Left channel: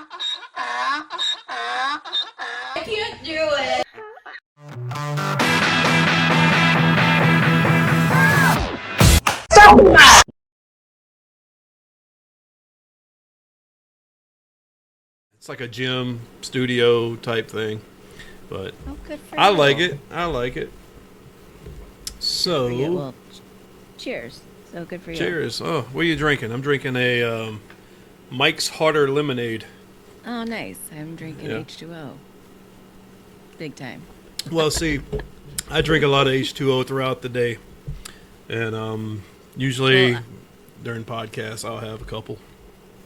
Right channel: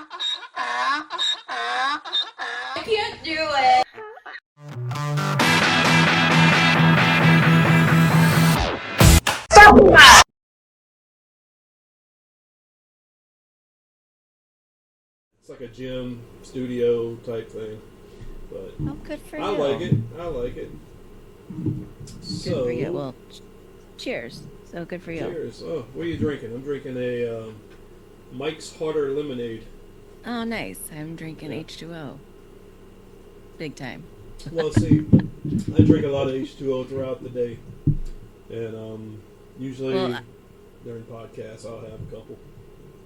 I can't do it. It's like a gym studio type thing, but Oh, good for I you. like it. I like it. Good for you. So, Well, cheers. So good for you. cheers. Oh, what are you drinking? I'm drinking a Mike's Harder Lemonade. Oh, nice. I'm drinking Yeah. H2O. Big time. Well, see, I drink a lot of H2O throughout the day, and usually Well, during podcasts I'll have a couple.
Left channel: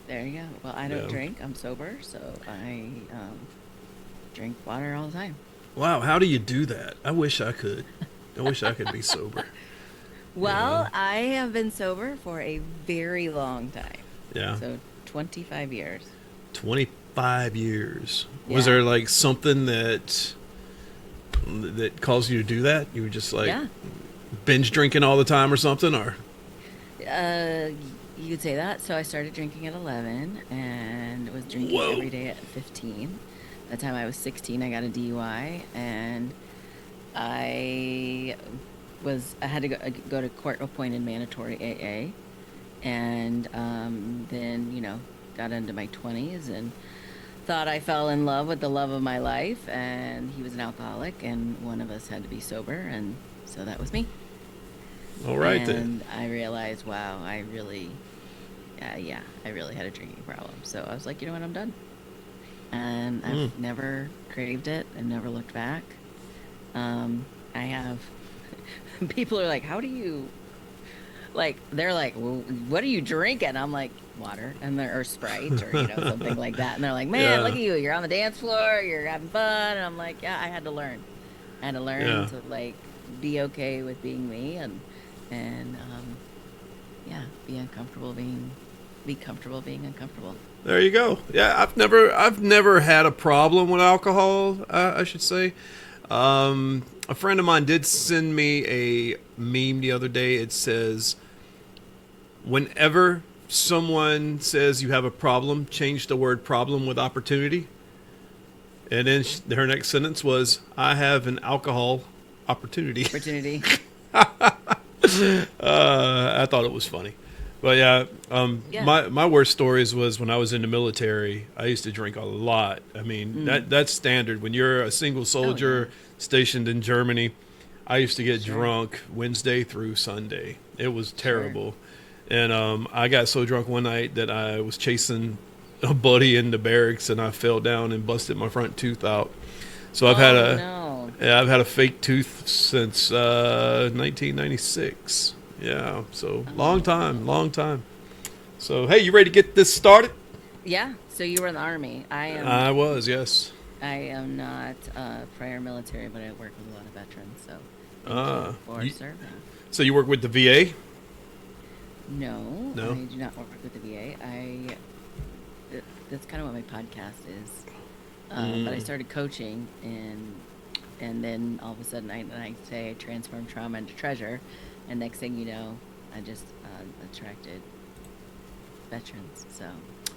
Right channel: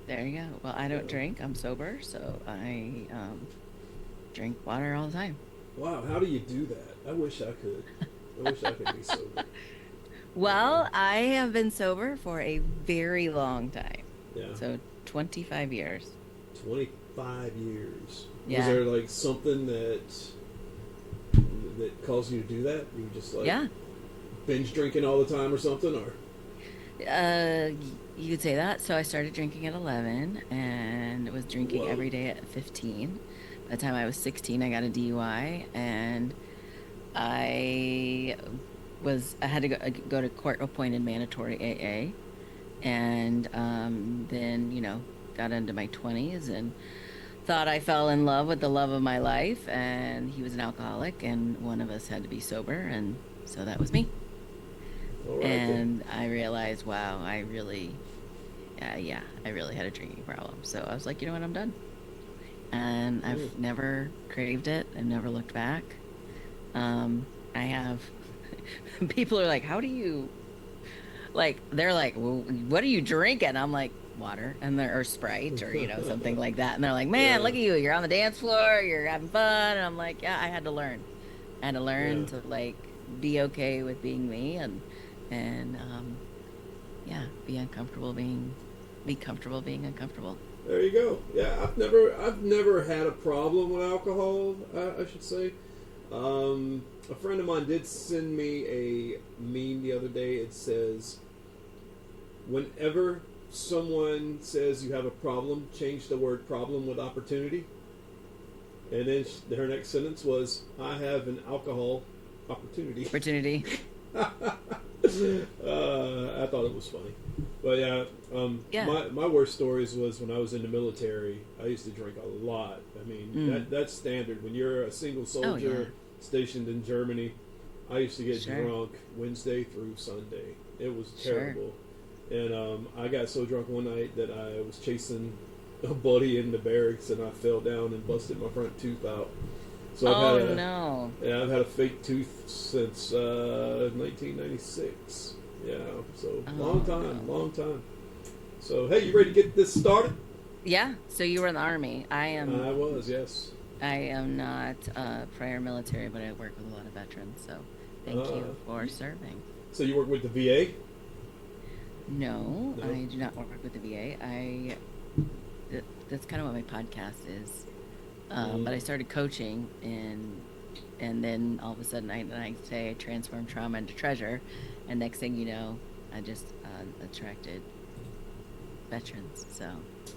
there you go. Well, I don't Yeah. drink. I'm sober, so I drink water all the time. Wow, how do you do that? I wish I could. I wish I could be sober. Well, I have been sober for a very long time. Yeah. So 25 years. 25 years. Yeah. Was there like something that caused you to do that? You were just like Yeah. binge drinking all the time or something, or You could say that. So I started drinking at 11 and was drinking Whoa. every day at 15. By the time I was 16, I got a DUI and I I had to go to court-appointed mandatory AA, and then got into my 20s and thought I fell in love with the love of my life, and he was an alcoholic, and one of us had to be sober, and so that was me. all right then. And I realized, wow, I really had a drinking problem. So I was like, you know what, I'm done. And I've never craved it. I've never looked back. I have people are like, how do you they're like, well, what are you drinking? I'm like, water, and or Sprite, or something like that. And they're like, man, Yeah. look at you, you're on the dance floor, you're having fun. And I'm like, yeah, I had to learn. Yeah. To like be okay with being me, and be comfortable being uncomfortable. There you go. Yeah, I've never had a problem with alcohol. I should say. A friend of mine did send me a meme the other day. It says, "Whenever someone says you have a problem, change the word problem with opportunity." And then her next sentence was, "I have an alcohol opportunity." Opportunity. I thought it was funny. But yeah, Yeah. my worst stories was when I was in the military. I used to drink a lot. I mean, that's standard. When you're a single soldier stationed in Germany, I used to get Sure. drunk Wednesday through Sunday. It was Sure. terrible. And I got so drunk one night that I was chasing a buddy in the barracks, and I fell down and busted my front tooth out. So I've had I've had a fake tooth since 1996. Yeah, so long time. So hey, you ready to get this started? Yeah. So you were in the Army. I was, yes. I am not prior military, but I work with a lot of veterans. So thank you for serving. So you work with the VA? No, No? I do not work with the VA. That's kind of what my podcast is. But I started coaching, and then all of a sudden I say I transform trauma into treasure, and next thing you know, I just attracted veterans. So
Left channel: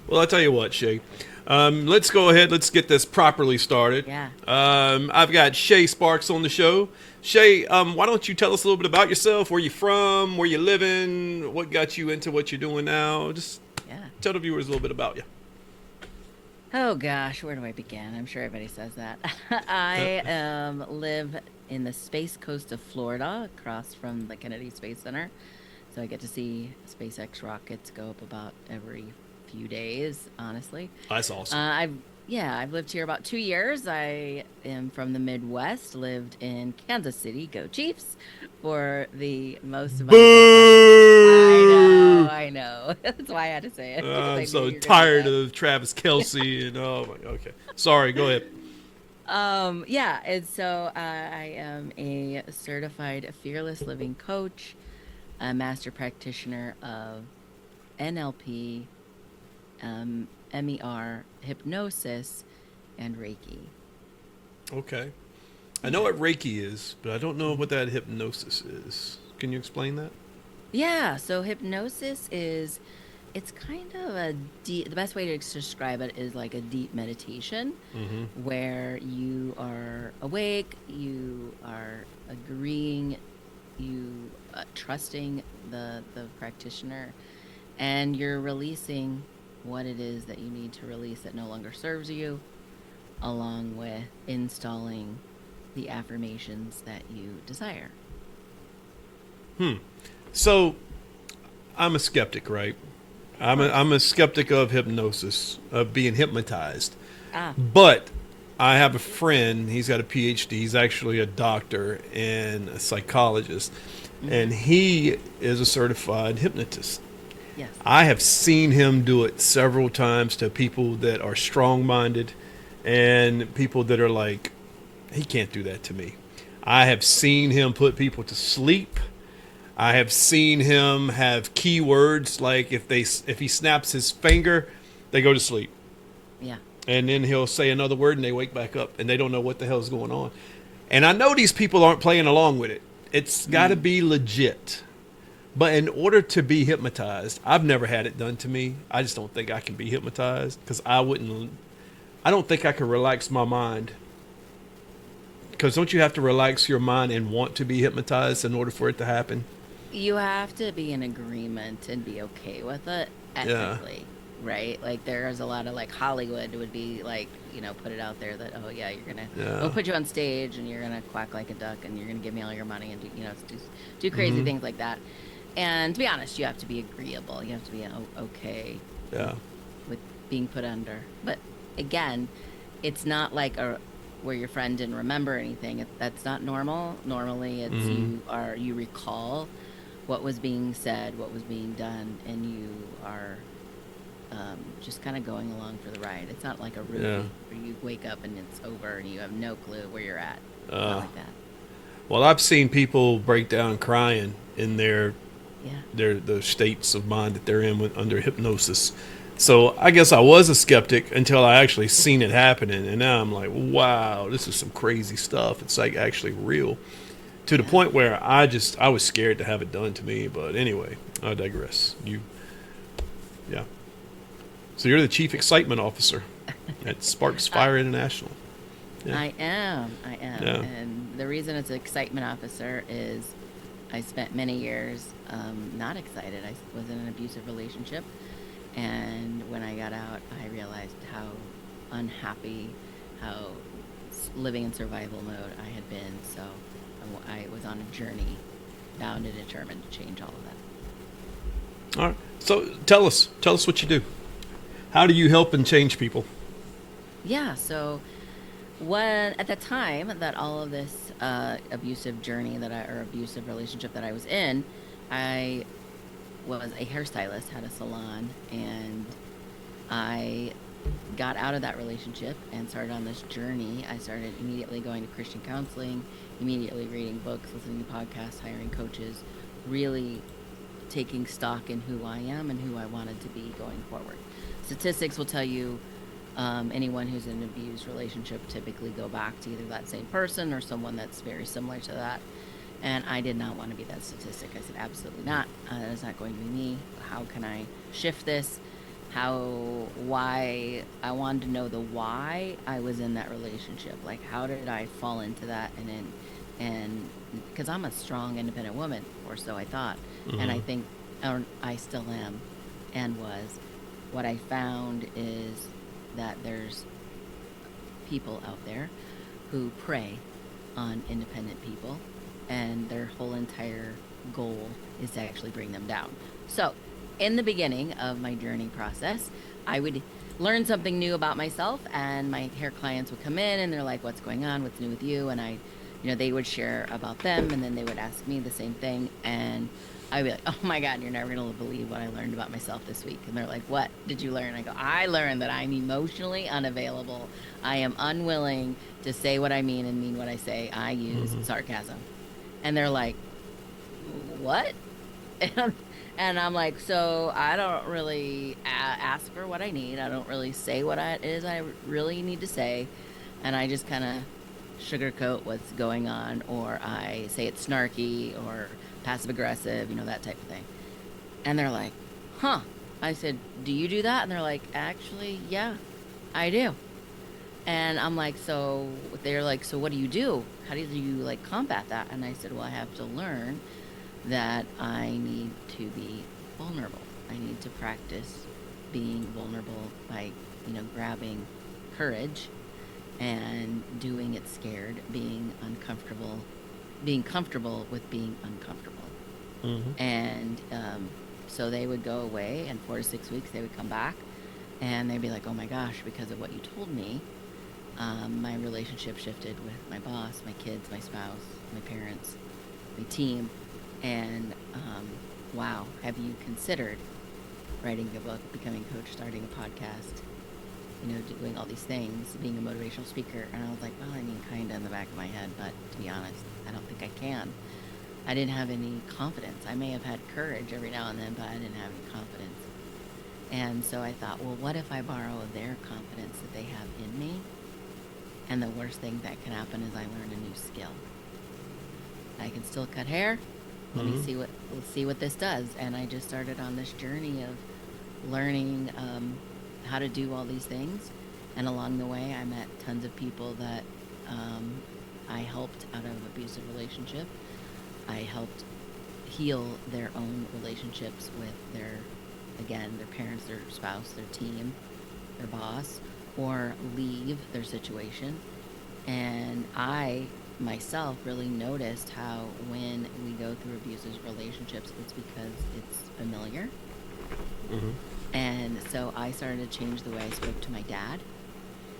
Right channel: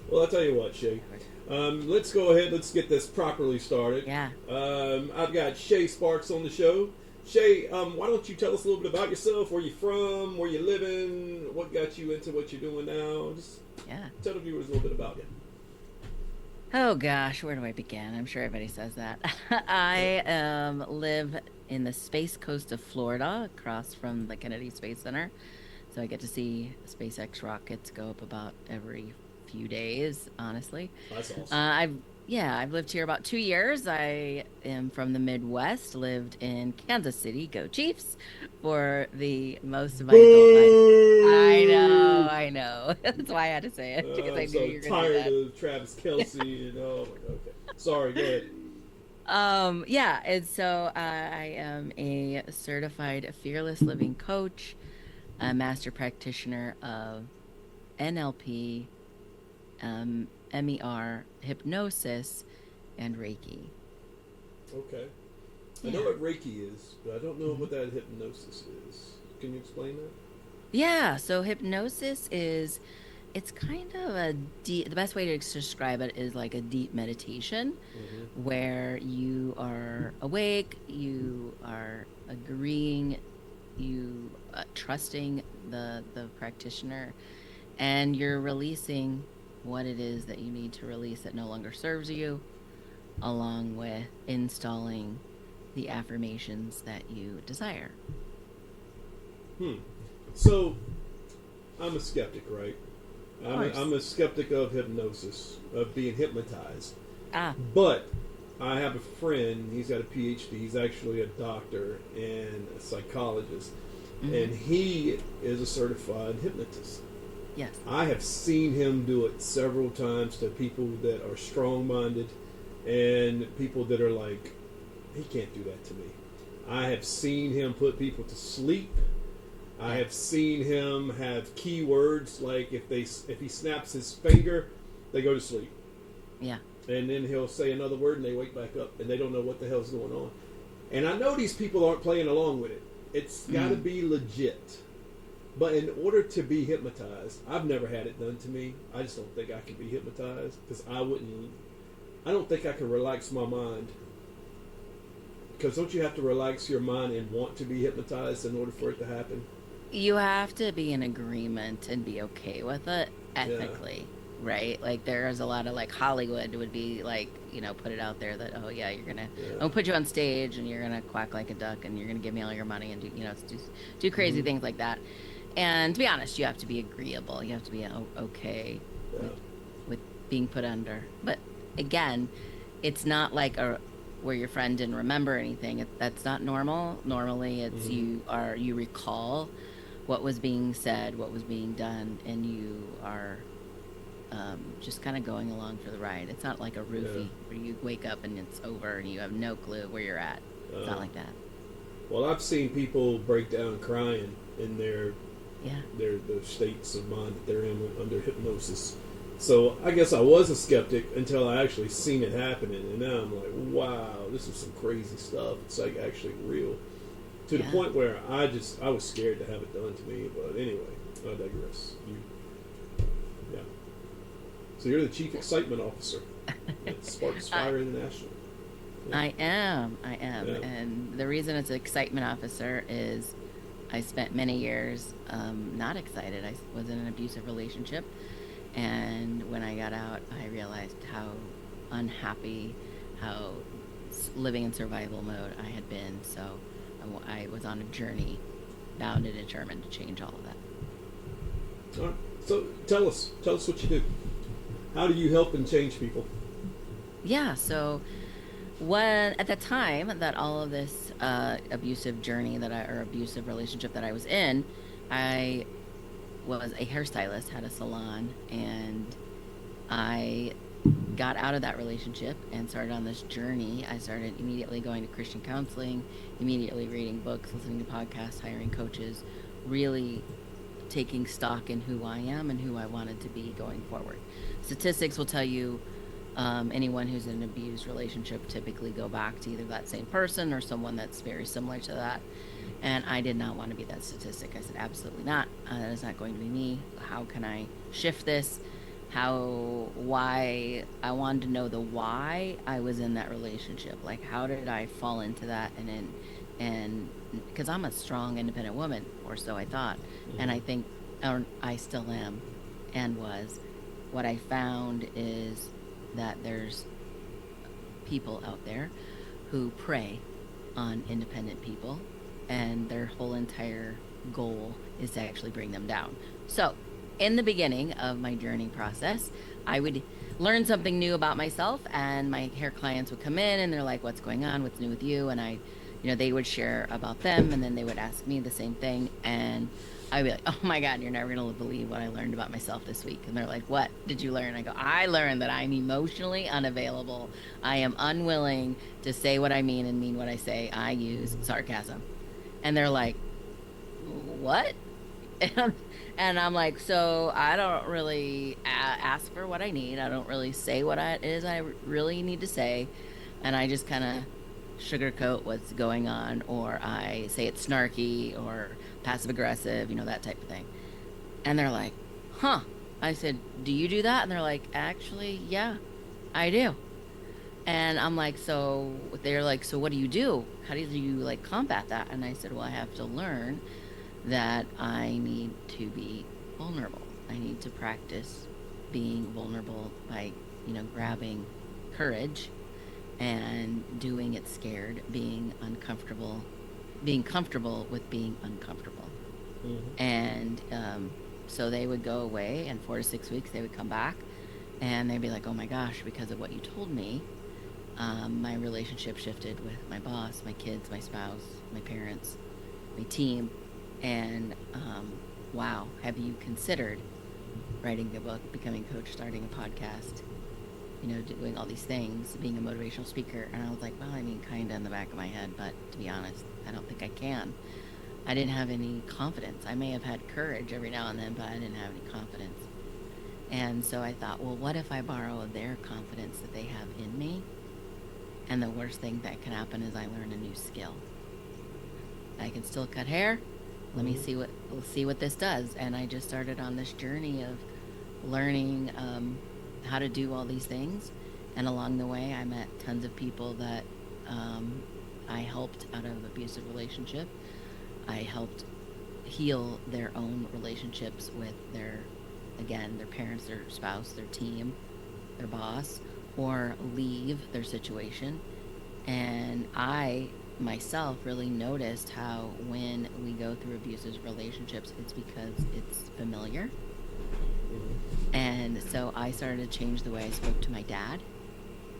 Well, I'll tell you what, Shay. Let's go ahead. Let's get this properly started. yeah. I've got Shā Sparks on the show. Shay, why don't you tell us a little bit about yourself, where you're from, where you're living, what got you into what you're doing now? Just Yeah. tell the viewers a little bit about you. Oh gosh, where do I begin? I'm sure everybody says that. I live in the Space Coast of Florida, across from the Kennedy Space Center. So I get to see SpaceX rockets go up about every few days, honestly. That's awesome. I've lived here about 2 years. I am from the Midwest, lived in Kansas City, go Chiefs, for the most of my adult life. I know. That's why I had to say it. Because I I'm knew so you were gonna do tired that. of Travis Kelce. And, oh my God. Okay. Sorry, go ahead. Yeah, and so I am a certified fearless living coach, a master practitioner of NLP, MER, hypnosis, and Reiki. Okay. I know what Reiki is, but I don't know what that hypnosis is. Can you explain that? Yeah, so hypnosis is it's kind of a deep, the best way to describe it is like a deep meditation Mm-hmm. where you are awake, you are agreeing, you trusting the practitioner, and you're releasing what it is that you need to release that no longer serves you, along with installing the affirmations that you desire. So I'm a skeptic, right? Of course. I'm a skeptic of hypnosis, of being hypnotized. Ah, But I have a friend, he's got a PhD, he's actually a doctor and a psychologist, mm-hmm. and he is a certified hypnotist. Yes. I have seen him do it several times to people that are strong minded and people that are like, he can't do that to me. I have seen him put people to sleep. I have seen him have keywords like if he snaps his finger, they go to sleep. Yeah. And then he'll say another word and they wake back up and they don't know what the hell's going on. And I know these people aren't playing along with it. It's got to Mm. be legit. But in order to be hypnotized, I've never had it done to me. I just don't think I can be hypnotized because I don't think I can relax my mind. Because don't you have to relax your mind and want to be hypnotized in order for it to happen? You have to be in agreement and be okay with it Yeah. ethically, right? Like there's a lot of like Hollywood would be like, put it out there that, oh yeah, Yeah. I'll put you on stage and you're gonna quack like a duck and you're gonna give me all your money and do crazy Mm-hmm. things like that. And to be honest, you have to be agreeable. You have to be okay with Yeah. with being put under. But again, it's not like a where your friend didn't remember anything. That's not normal. Normally, it's Mm-hmm. you recall what was being said, what was being done, and you are just kind of going along for the ride. It's not like a Yeah. roofie where you wake up and it's over and you have no clue where you're at. It's not Uh, like that. well, I've seen people break down crying in Yeah. the states of mind that they're in under hypnosis. So I guess I was a skeptic until I actually seen it happening, and now I'm like, wow, this is some crazy stuff. It's like actually real. To the Yeah. point where I was scared to have it done to me. But anyway, I digress. Yeah. So you're the chief excitement officer at Sparks I, Fire International. Yeah. I am. I am. Yeah. And the reason it's an excitement officer is I spent many years not excited. I was in an abusive relationship. And when I got out, I realized how unhappy, how living in survival mode I had been. So I was on a journey, bound and determined to change all of that. All right. So tell us what you do. How do you help and change people? Yeah. So when at the time that all of this abusive journey or abusive relationship that I was in, I was a hairstylist, had a salon, and I got out of that relationship and started on this journey. I started immediately going to Christian counseling, immediately reading books, listening to podcasts, hiring coaches, really taking stock in who I am and who I wanted to be going forward. Statistics will tell you anyone who's in an abused relationship typically go back to either that same person or someone that's very similar to that. And I did not want to be that statistic. I said, absolutely not. That is not going to be me. How can I shift this? Why? I wanted to know the why I was in that relationship. Like, how did I fall into that? And because I'm a strong, independent woman, or so I thought. And Mm-hmm. I think, or I still am and was. What I found is that there's people out there who prey on independent people, and their whole entire goal is to actually bring them down. So, in the beginning of my journey process, I would learn something new about myself, and my hair clients would come in and they're like, "What's going on? What's new with you?" And they would share about them, and then they would ask me the same thing, and I'd be like, "Oh my God, you're never gonna believe what I learned about myself this week." And they're like, "What did you learn?" I go, "I learned that I'm emotionally unavailable. I am unwilling to say what I mean and mean what I say. I use Mm-hmm. sarcasm." And they're like, "What?" And, and I'm like, "So I don't really ask for what I need. I don't really say what it is I really need to say. And I just kind of sugarcoat what's going on, or I say it's snarky or passive aggressive, that type of thing." And they're like, "Huh." I said, do you do that? And they're like, actually, yeah, I do. And I'm like, so they're like, so what do you do? How do you like combat that? And I said, well, I have to learn that I need to be vulnerable. I need to practice being vulnerable by, grabbing courage and doing it scared, being comfortable with being uncomfortable. Mm-hmm. And so they would go away, and 4 to 6 weeks, they would come back and they'd be like, oh my gosh, because of what you told me, my relationship shifted with my boss, my kids, my spouse, my parents, my team. And wow, have you considered writing a book, becoming a coach, starting a podcast, doing all these things, being a motivational speaker? And I was like, well, I mean, kind of in the back of my head, but to be honest, I don't think I can. I didn't have any confidence. I may have had courage every now and then, but I didn't have any confidence. And so I thought, well, what if I borrow their confidence that they have in me? And the worst thing that can happen is I learn a new skill. I can still cut hair. Mm-hmm. We'll see what this does. And I just started on this journey of learning how to do all these things. And along the way, I met tons of people that I helped out of abusive relationship. I helped heal their own relationships with their parents, their spouse, their team, their boss, or leave their situation. And I myself really noticed how when we go through abusive relationships, it's because it's familiar. Mm-hmm. And so I started to change the way I spoke to my dad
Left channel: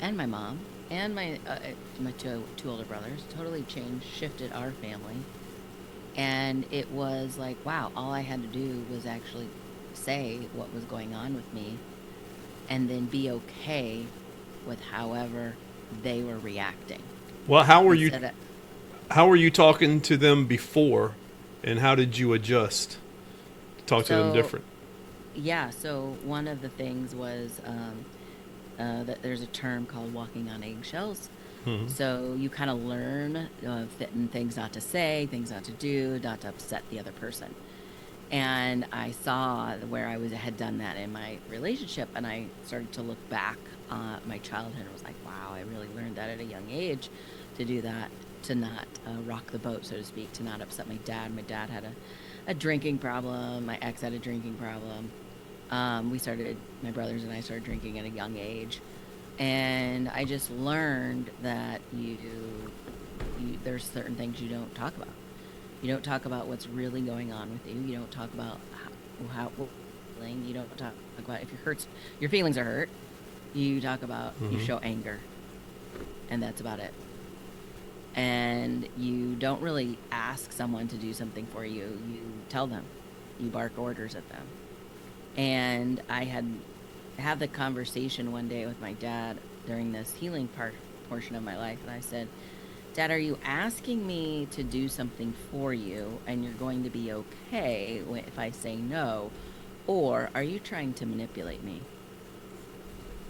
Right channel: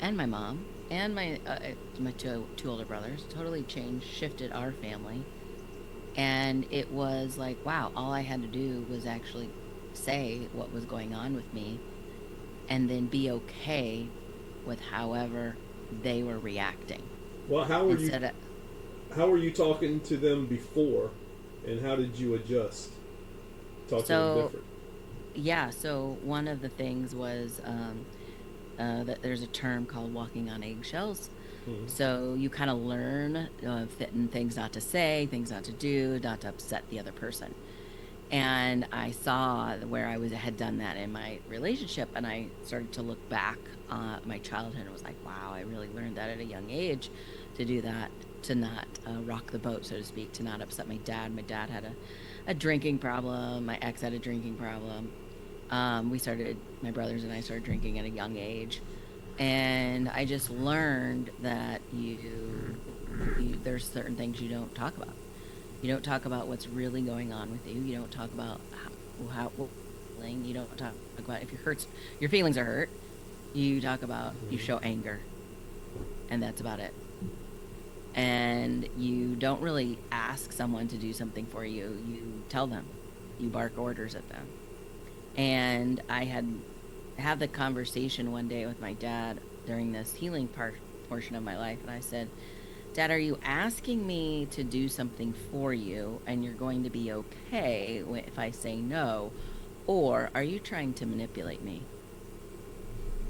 and my mom and my two older brothers. Totally changed, shifted our family. And it was like, wow, all I had to do was actually say what was going on with me and then be okay with however they were reacting. Well, Instead of, how were you talking to them before, and how did you adjust to talk to them so different? yeah, so one of the things was that there's a term called walking on eggshells. Mm-hmm. So you kind of learn things not to say, things not to do, not to upset the other person. And I saw where had done that in my relationship, and I started to look back at my childhood and was like, wow, I really learned that at a young age to do that, to not rock the boat, so to speak, to not upset my dad. My dad had a drinking problem. My ex had a drinking problem. My brothers and I started drinking at a young age. And I just learned that there's certain things you don't talk about. You don't talk about what's really going on with you. You don't talk about what feeling. You don't talk about if your feelings are hurt. You talk about, you Mm-hmm. show anger, and that's about it. And you don't really ask someone to do something for you. You tell them. You bark orders at them. And I had the conversation one day with my dad during this healing portion of my life, and I said, Dad, are you asking me to do something for you and you're going to be okay if I say no? Or are you trying to manipulate me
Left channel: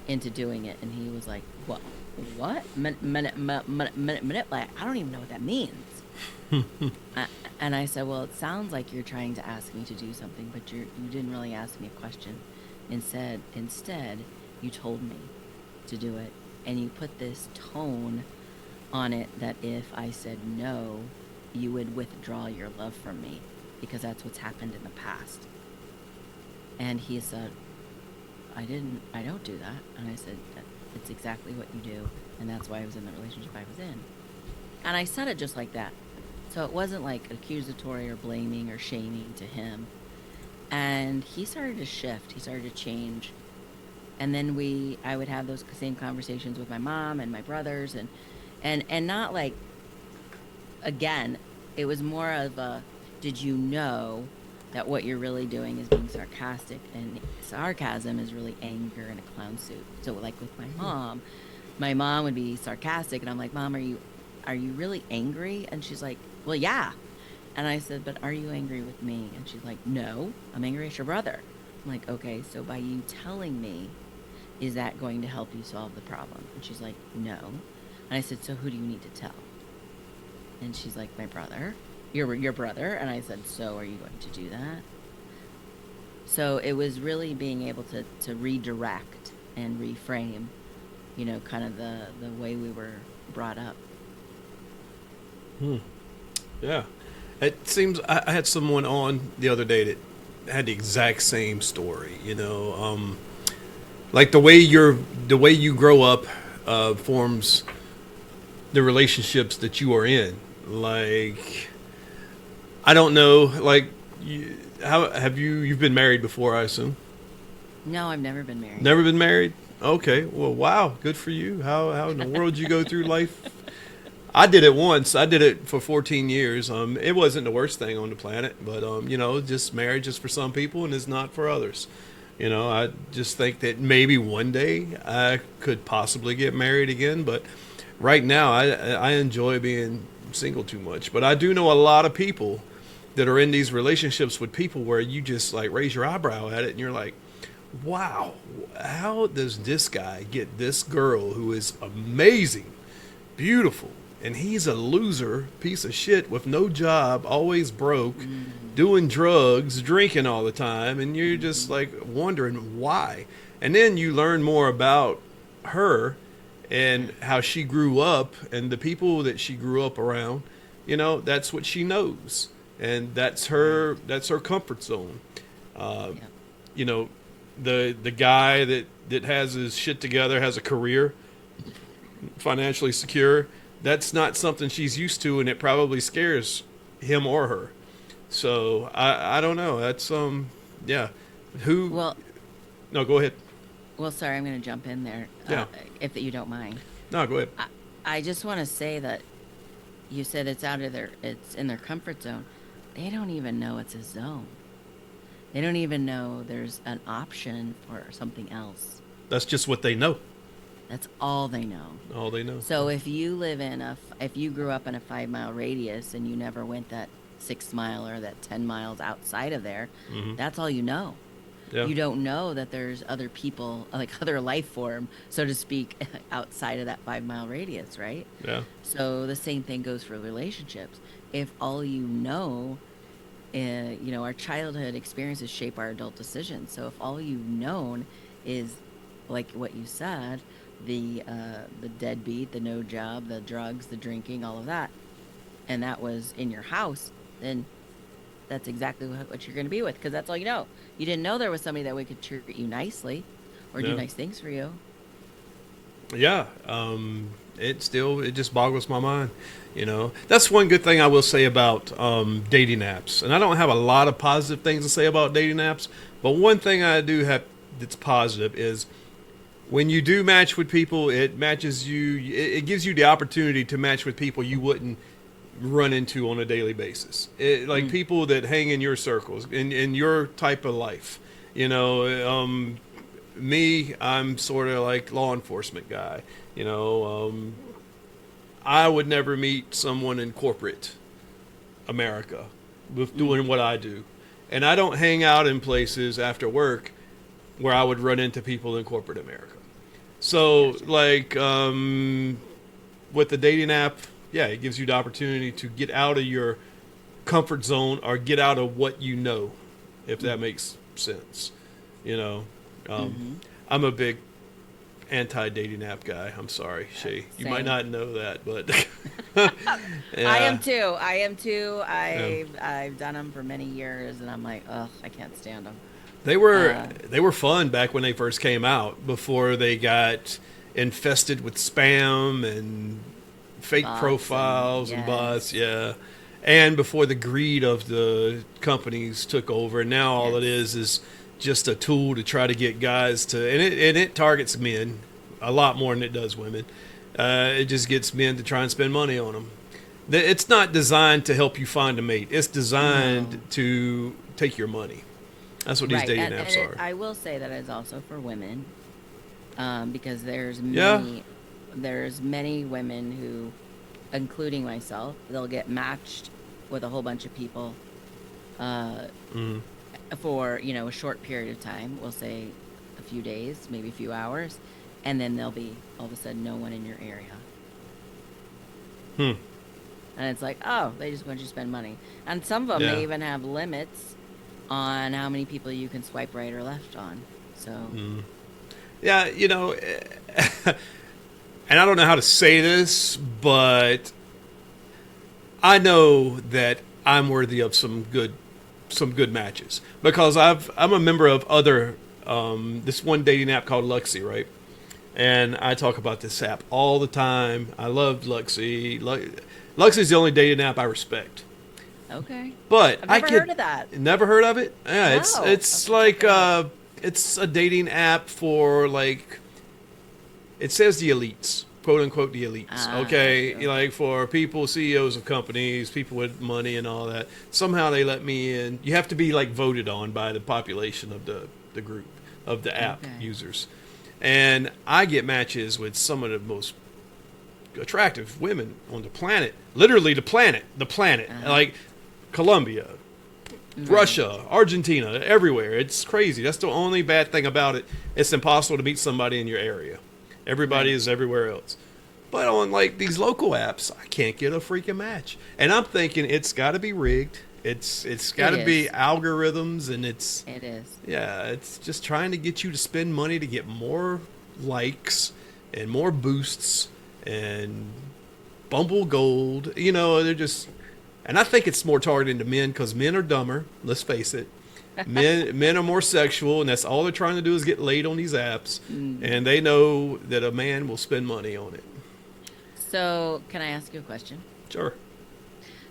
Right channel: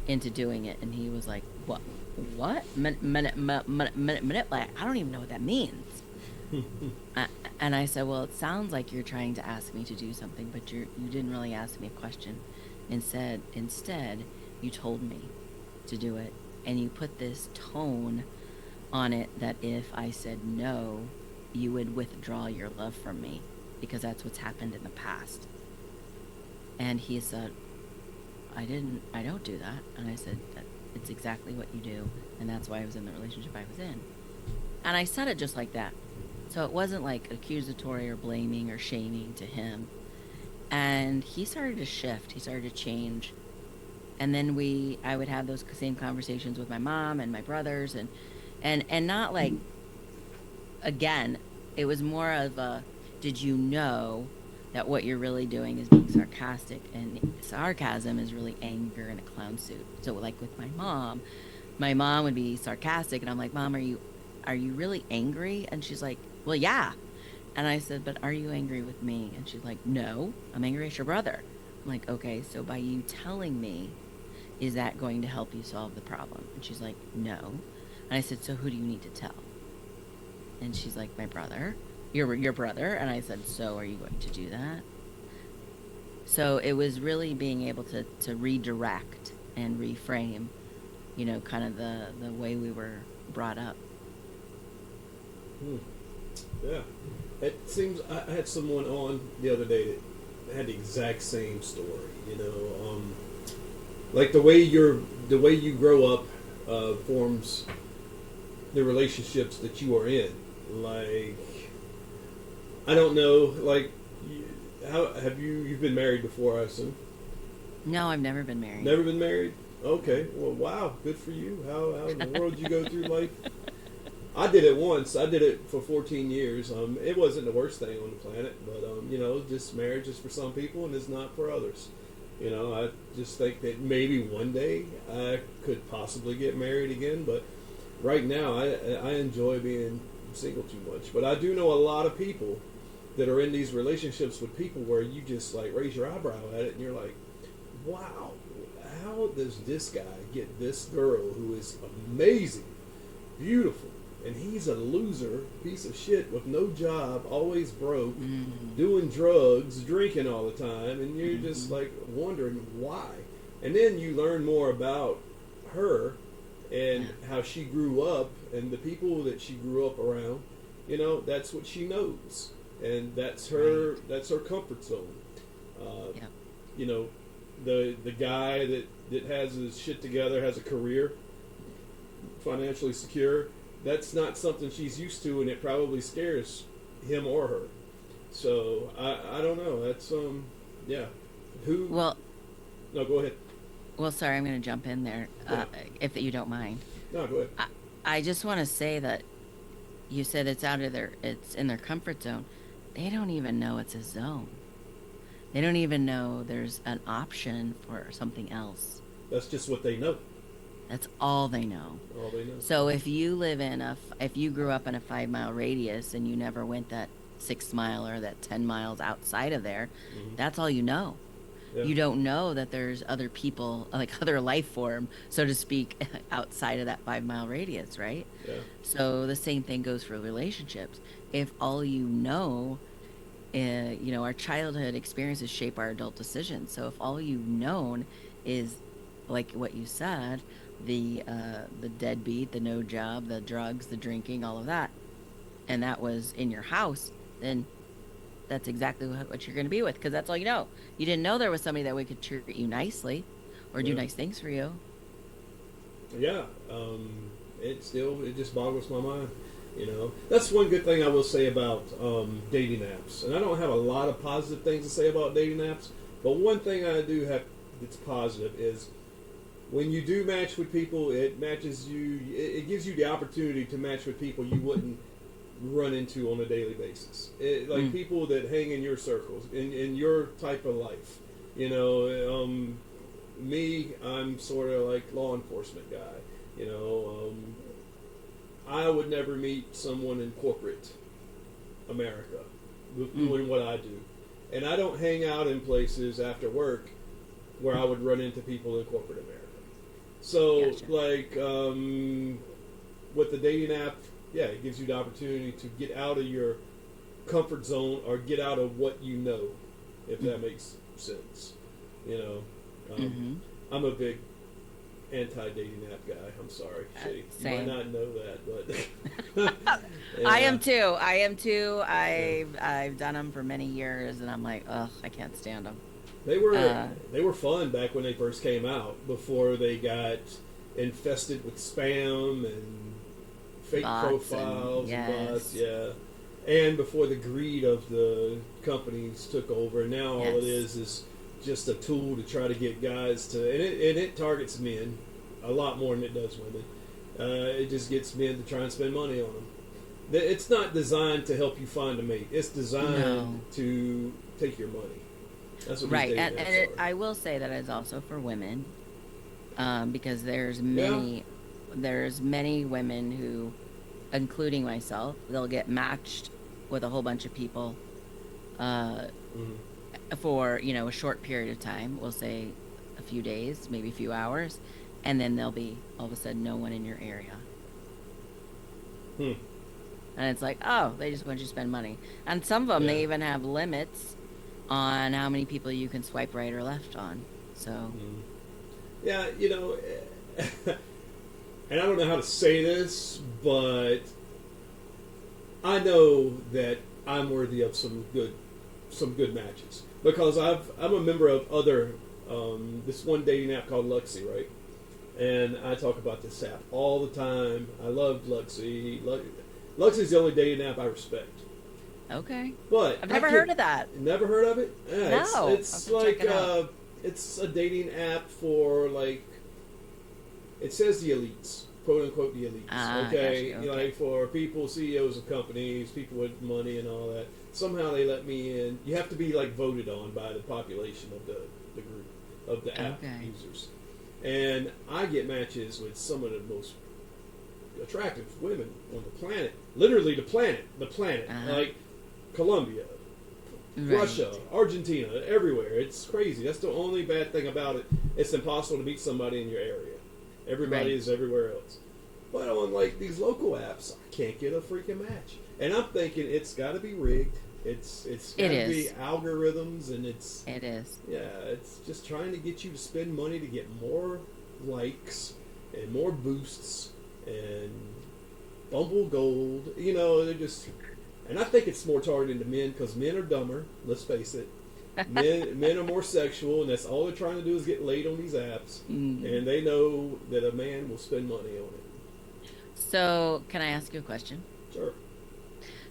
into doing it? And he was like, what? What? Manipulate? I don't even know what that means. And I said, well, it sounds like you're trying to ask me to do something, but you didn't really ask me a question. Instead, you told me to do it. And you put this tone on it that if I said no, you would withdraw your love from me because that's what's happened in the past. And he said, I don't do that. And I said, it's exactly what you do. And that's why I was in the relationship I was in. And I said it just like that. So it wasn't like accusatory or blaming or shaming to him. And he started to shift. He started to change. And then I would have those same conversations with my mom and my brothers, and not like, again, it was more of a, did you know that what you're really doing is being sarcastic, and sarcasm is really anger in a clown suit. So like with my mom would be sarcastic, and I'm like, Mom, are you really angry? And she's like, well, yeah. And I said, but are you angry with me? And she's like, no, I'm angry at your brother. I'm like, okay, so by you telling me, is that going to help you solve the problem? And she's like, no. And I said, so who do you need to tell? And she's like, my brother. Your brother. And I said, so are you going to do that? So it was really being able to redirect and reframe, kind of the way we were brought up. Hmm. Yeah. It seems I had someone on the other day that had the exact same story. Like the way you grow up forms the relationships that you are in. Like, I don't know. Like, how have you've been married before? I assume. No, I've never been married. Never been married. Okay. Well, wow. Good for you. How in the world did you go through life? I did it once. I did it for 14 years. It wasn't the worst thing on the planet, but just marriage is for some people and it's not for others. I just think that maybe one day I could possibly get married again, but right now I enjoy being single too much. But I do know a lot of people that are in these relationships with people where you just like raise your eyebrow at it and you're like, wow, how does this guy get this girl who is amazing, beautiful, and he's a loser piece of shit with no job, always broke, doing drugs, drinking all the time, and you're just like wondering why. And then you learn more about her and how she grew up and the people that she grew up around. That's what she knows, and that's her comfort zone. Yep. You know, the guy that has his shit together, has a career, financially secure. That's not something she's used to, and it probably scares him or her. So I don't know. That's yeah. Who? Well, No, go ahead. well, sorry, I'm going to jump in there, Yeah. if you don't mind. No, go ahead. I just want to say that you said it's in their comfort zone. They don't even know it's a zone. They don't even know there's an option for something else. That's just what they know. That's all they know. All they know. So if you grew up in a 5 mile radius and you never went that 6 mile or that 10 miles outside of there, that's all you know. Yeah. You don't know that there's other people, like other life form, so to speak, outside of that 5 mile radius, right? Yeah. So the same thing goes for relationships. If all you know, our childhood experiences shape our adult decisions. So if all you've known is, like what you said, the deadbeat, the no job, the drugs, the drinking, all of that, and that was in your house, then that's exactly what you're going to be with, because that's all you know. You didn't know there was somebody that would could treat you nicely or do Yeah. nice things for you. Yeah. It just boggles my mind. That's one good thing I will say about dating apps. And I don't have a lot of positive things to say about dating apps, but one thing I do have that's positive is when you do match with people, it matches you. It gives you the opportunity to match with people you wouldn't run into on a daily basis. Like people that hang in your circles, in your type of life. Me, I'm sort of like law enforcement guy. I would never meet someone in corporate America with doing what I do. And I don't hang out in places after work where I would run into people in corporate America. So, Gotcha. like, with the dating app, yeah, it gives you the opportunity to get out of your comfort zone or get out of what you know, if that makes sense. You know, I'm a big anti-dating app guy. I'm sorry, Shay. You might Same. not know that, but I yeah, am too. I am too. yeah. I've done them for many years, and I'm like, ugh, I can't stand them. They were Uh, they were fun back when they first came out, before they got infested with spam and fake Bots and profiles and bots, yes, yeah. And before the greed of the companies took over, and now all it yes. is just a tool to try to get guys to, and it targets men a lot more than it does women. It just gets men to try and spend money on them. It's not designed to help you find a mate. It's designed No. to take your money. That's what these Right. dating apps are. I will say that it's also for women, because Yeah. there's many women who, including myself, they'll get matched with a whole bunch of people, uh, Mm. for, a short period of time. We'll say a few days, maybe a few hours, and then there'll be all of a sudden no one in your area. Hmm. And it's like, oh, they just want you to spend money. And some of them, Yeah. they even have limits on how many people you can swipe right or left on. So, Yeah, and I don't know how to say this, but I know that I'm worthy of some good matches because I'm a member of other this one dating app called Luxy, right? And I talk about this app all the time. I love Luxy. Luxy is the only dating app I respect. okay. But I've never heard of that. Never heard of it. Yeah, No. it's like it's a dating app for like it says the elites, quote unquote the elites. Okay, Okay. like for people, CEOs of companies, people with money and all that. Somehow they let me in. You have to be like voted on by the population of the group of the app users, and I get matches with some of the most attractive women on the planet. Literally the planet, like Colombia, Russia, Argentina, everywhere. It's crazy. That's the only bad thing about it. It's impossible to meet somebody in your area. Everybody is everywhere else. But on like these local apps, I can't get a freaking match. And I'm thinking it's got to be rigged. It's got to be algorithms, and it is. Yeah, it's just trying to get you to spend money to get more likes and more boosts and Bumble Gold. They're just, and I think it's more targeted to men because men are dumber. Let's face it. Men are more sexual, and that's all they're trying to do is get laid on these apps, and they know that a man will spend money on it. So, can I ask you a question? Sure.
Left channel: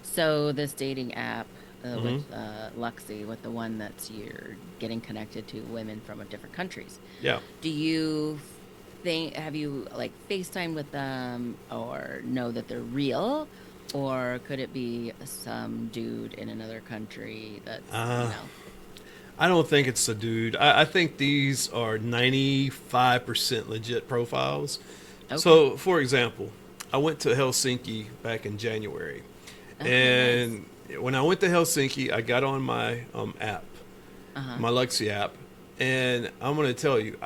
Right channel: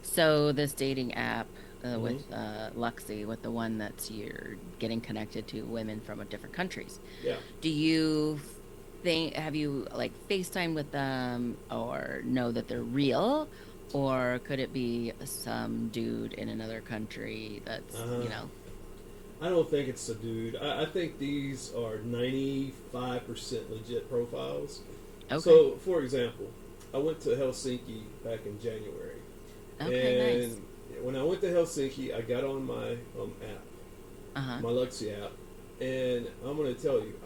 So, this dating app with Luxy, with the one that's you're getting connected to women from different countries. Yeah. Do you have you like FaceTime with them or know that they're real? Or could it be some dude in another country that's, I don't think it's a dude. I think these are 95% legit profiles. Okay. So, for example, I went to Helsinki back in January. Okay, and nice. When I went to Helsinki, I got on my app, my Luxy app, and I'm going to tell you,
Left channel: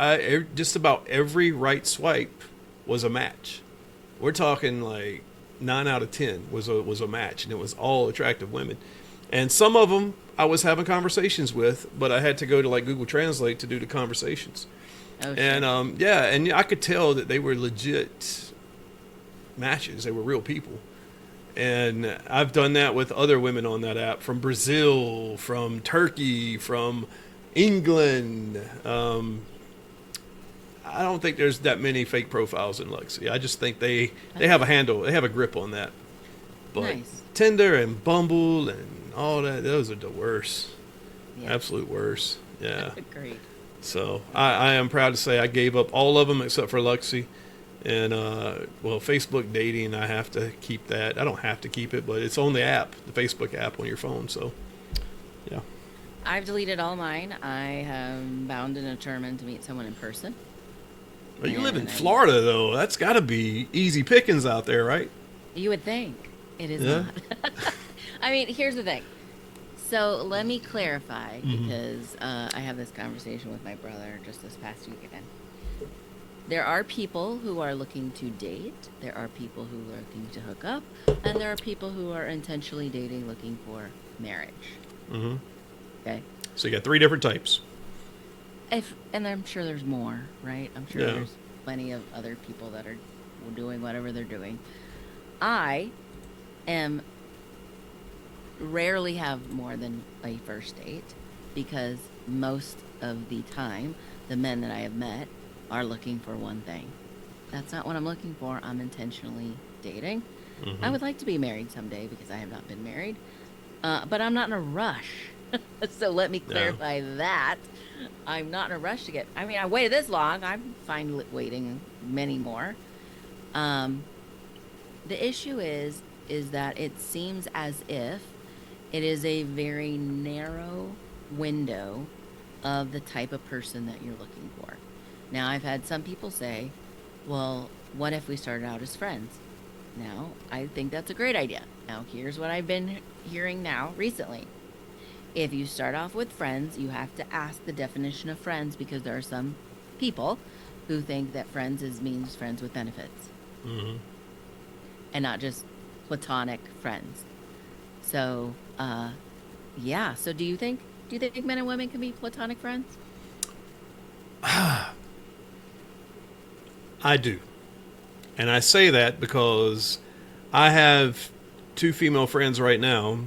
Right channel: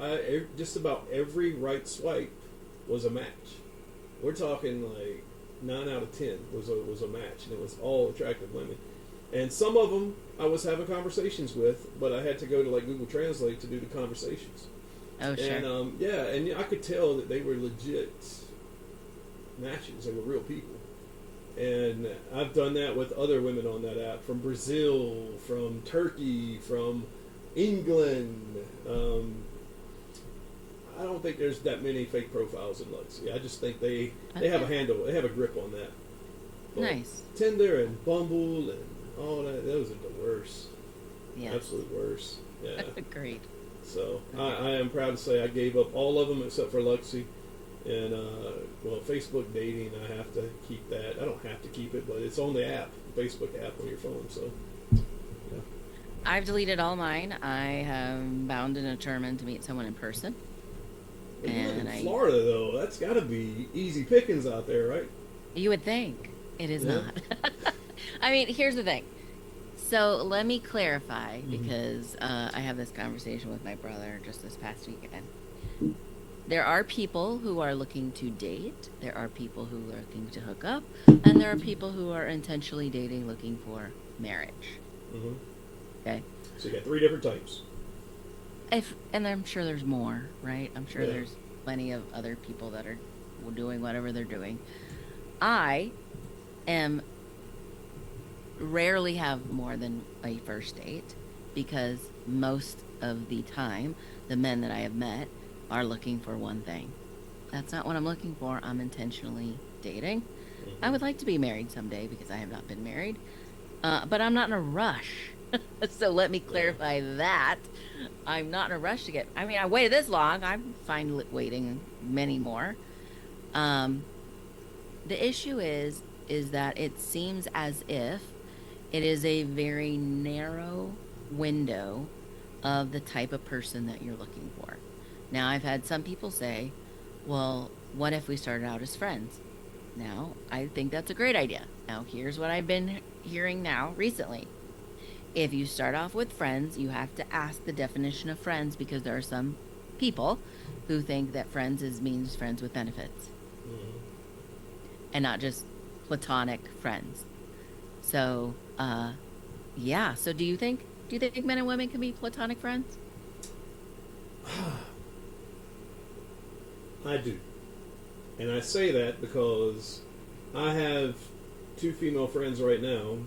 just about every right swipe was a match. We're talking like 9 out of 10 was a match, and it was all attractive women. And some of them I was having conversations with, but I had to go to like Google Translate to do the conversations. Oh, sure. And and I could tell that they were legit matches. They were real people. And I've done that with other women on that app from Brazil, from Turkey, from England. I don't think there's that many fake profiles in Luxy. I just think they have a handle. They have a grip on that. But nice. Tinder and Bumble and all that, those are the worst. Yes. Absolute worst. Yeah. Agreed. So I am proud to say I gave up all of them except for Luxy. And, Facebook dating, I have to keep that. I don't have to keep it, but it's on the app, the Facebook app on your phone. So, yeah. I've deleted all mine. I am bound and determined to meet someone in person. But you live in Florida, though. That's got to be easy pickings out there, right? You would think. It is not. I mean, here's the thing. So let me clarify, because I have this conversation with my brother just this past weekend. There are people who are looking to date. There are people who are looking to hook up. And there are people who are intentionally dating, looking for marriage. Mm-hmm. Okay? So you got 3 different types. And I'm sure there's more, right? I'm sure there's plenty of other people that are doing whatever they're doing. I rarely have more than a first date because most of the time, the men that I have met are looking for one thing. That's not what I'm looking for. I'm intentionally dating. Mm-hmm. I would like to be married someday because I have not been married, but I'm not in a rush. So let me clarify that. I'm not in a rush to get. I mean, I waited this long. I'm fine waiting many more. The issue is that it seems as if it is a very narrow window of the type of person that you're looking for. Now, I've had some people say, well, what if we started out as friends? Now, I think that's a great idea. Now, here's what I've been hearing now recently. If you start off with friends, you have to ask the definition of friends because there are some people who think that friends means friends with benefits. Mm-hmm. And not just platonic friends. So, So do you think Do you think men and women can be platonic friends? I do. And I say that because I have two female friends right now,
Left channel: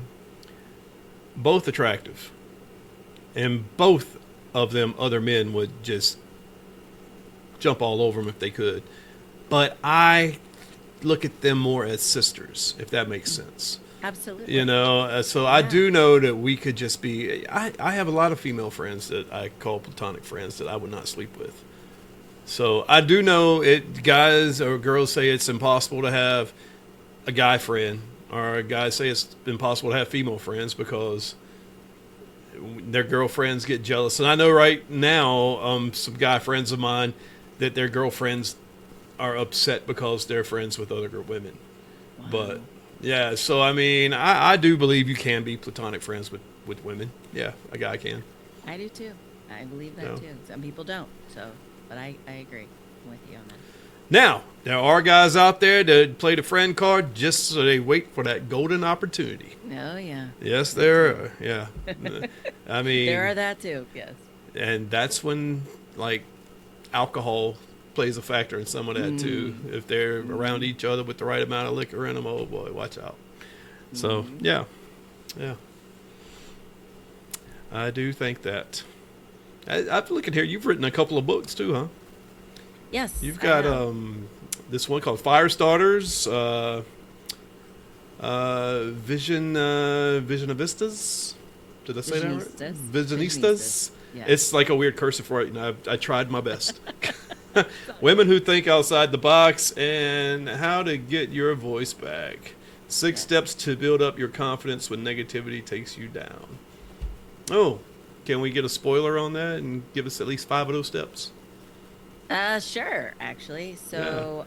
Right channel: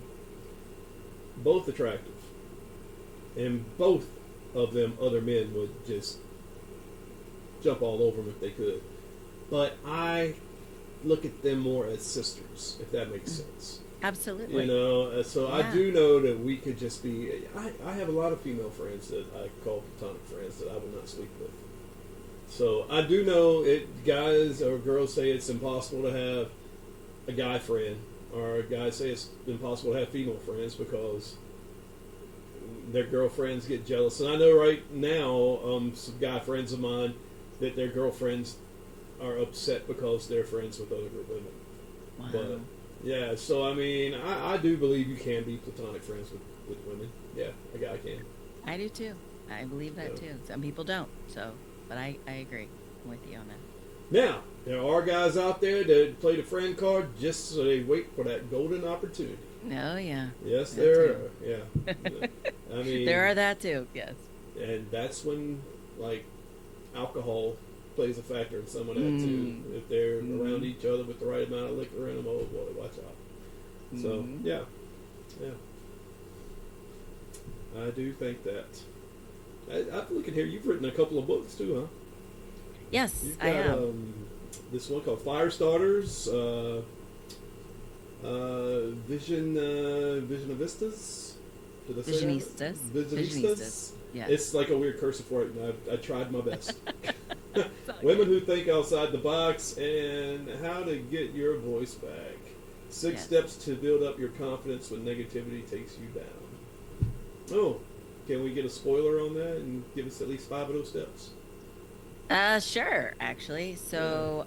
both attractive. And both of them, other men would just jump all over them if they could. But I look at them more as sisters, if that makes sense. Absolutely. You know, so yeah. I do know that we could just be. I have a lot of female friends that I call platonic friends that I would not sleep with. So I do know it. Guys or girls say it's impossible to have a guy friend, or guys say it's impossible to have female friends because their girlfriends get jealous. And I know right now, some guy friends of mine that their girlfriends are upset because they're friends with other women. Wow. But yeah, so I mean, I do believe you can be platonic friends with women. Yeah, a guy can. I do too. I believe that too. Some people don't. So, but I agree. I'm with you on that. Now, there are guys out there that play the friend card just so they wait for that golden opportunity. Oh, yeah. Yes, there are. Yeah. I mean, there are that too, yes. And that's when, like, alcohol plays a factor in some of that too. If they're around each other with the right amount of liquor in them, oh boy, watch out. So, yeah. I do think that. I'm looking here. You've written a couple of books too, huh? Yes, you've got this one called FIRESTARTERS, Visionistas. Did I say Visionistas. that right? Visionistas. Yeah. It's like a weird cursive writing. I tried my best. Women who think outside the box and how to get your voice back. 6 steps to build up your confidence when negativity takes you down. Oh, can we get a spoiler on that and give us at least 5 of those steps? Sure, actually. So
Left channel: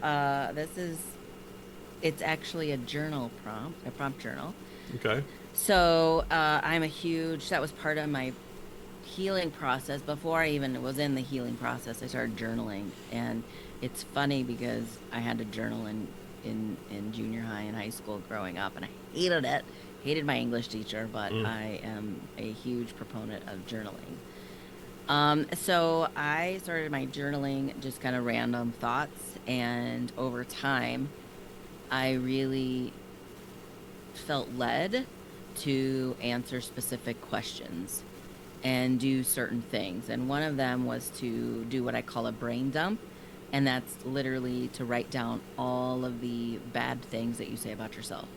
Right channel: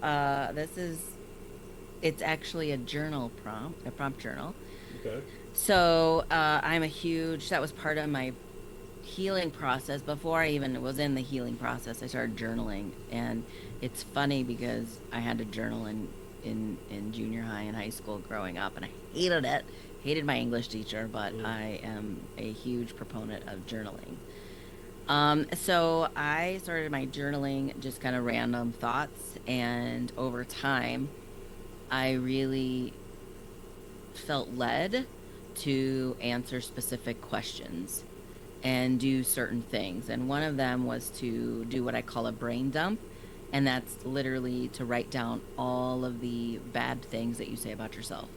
it's actually a prompt journal. Okay. So that was part of my healing process. Before I even was in the healing process, I started journaling. And it's funny because I had to journal in junior high and high school growing up, and I hated it. Hated my English teacher, but I am a huge proponent of journaling. So I started my journaling, just kind of random thoughts, and over time, I really felt led to answer specific questions and do certain things. And one of them was to do what I call a brain dump, and that's literally to write down all of the bad things that you say about yourself.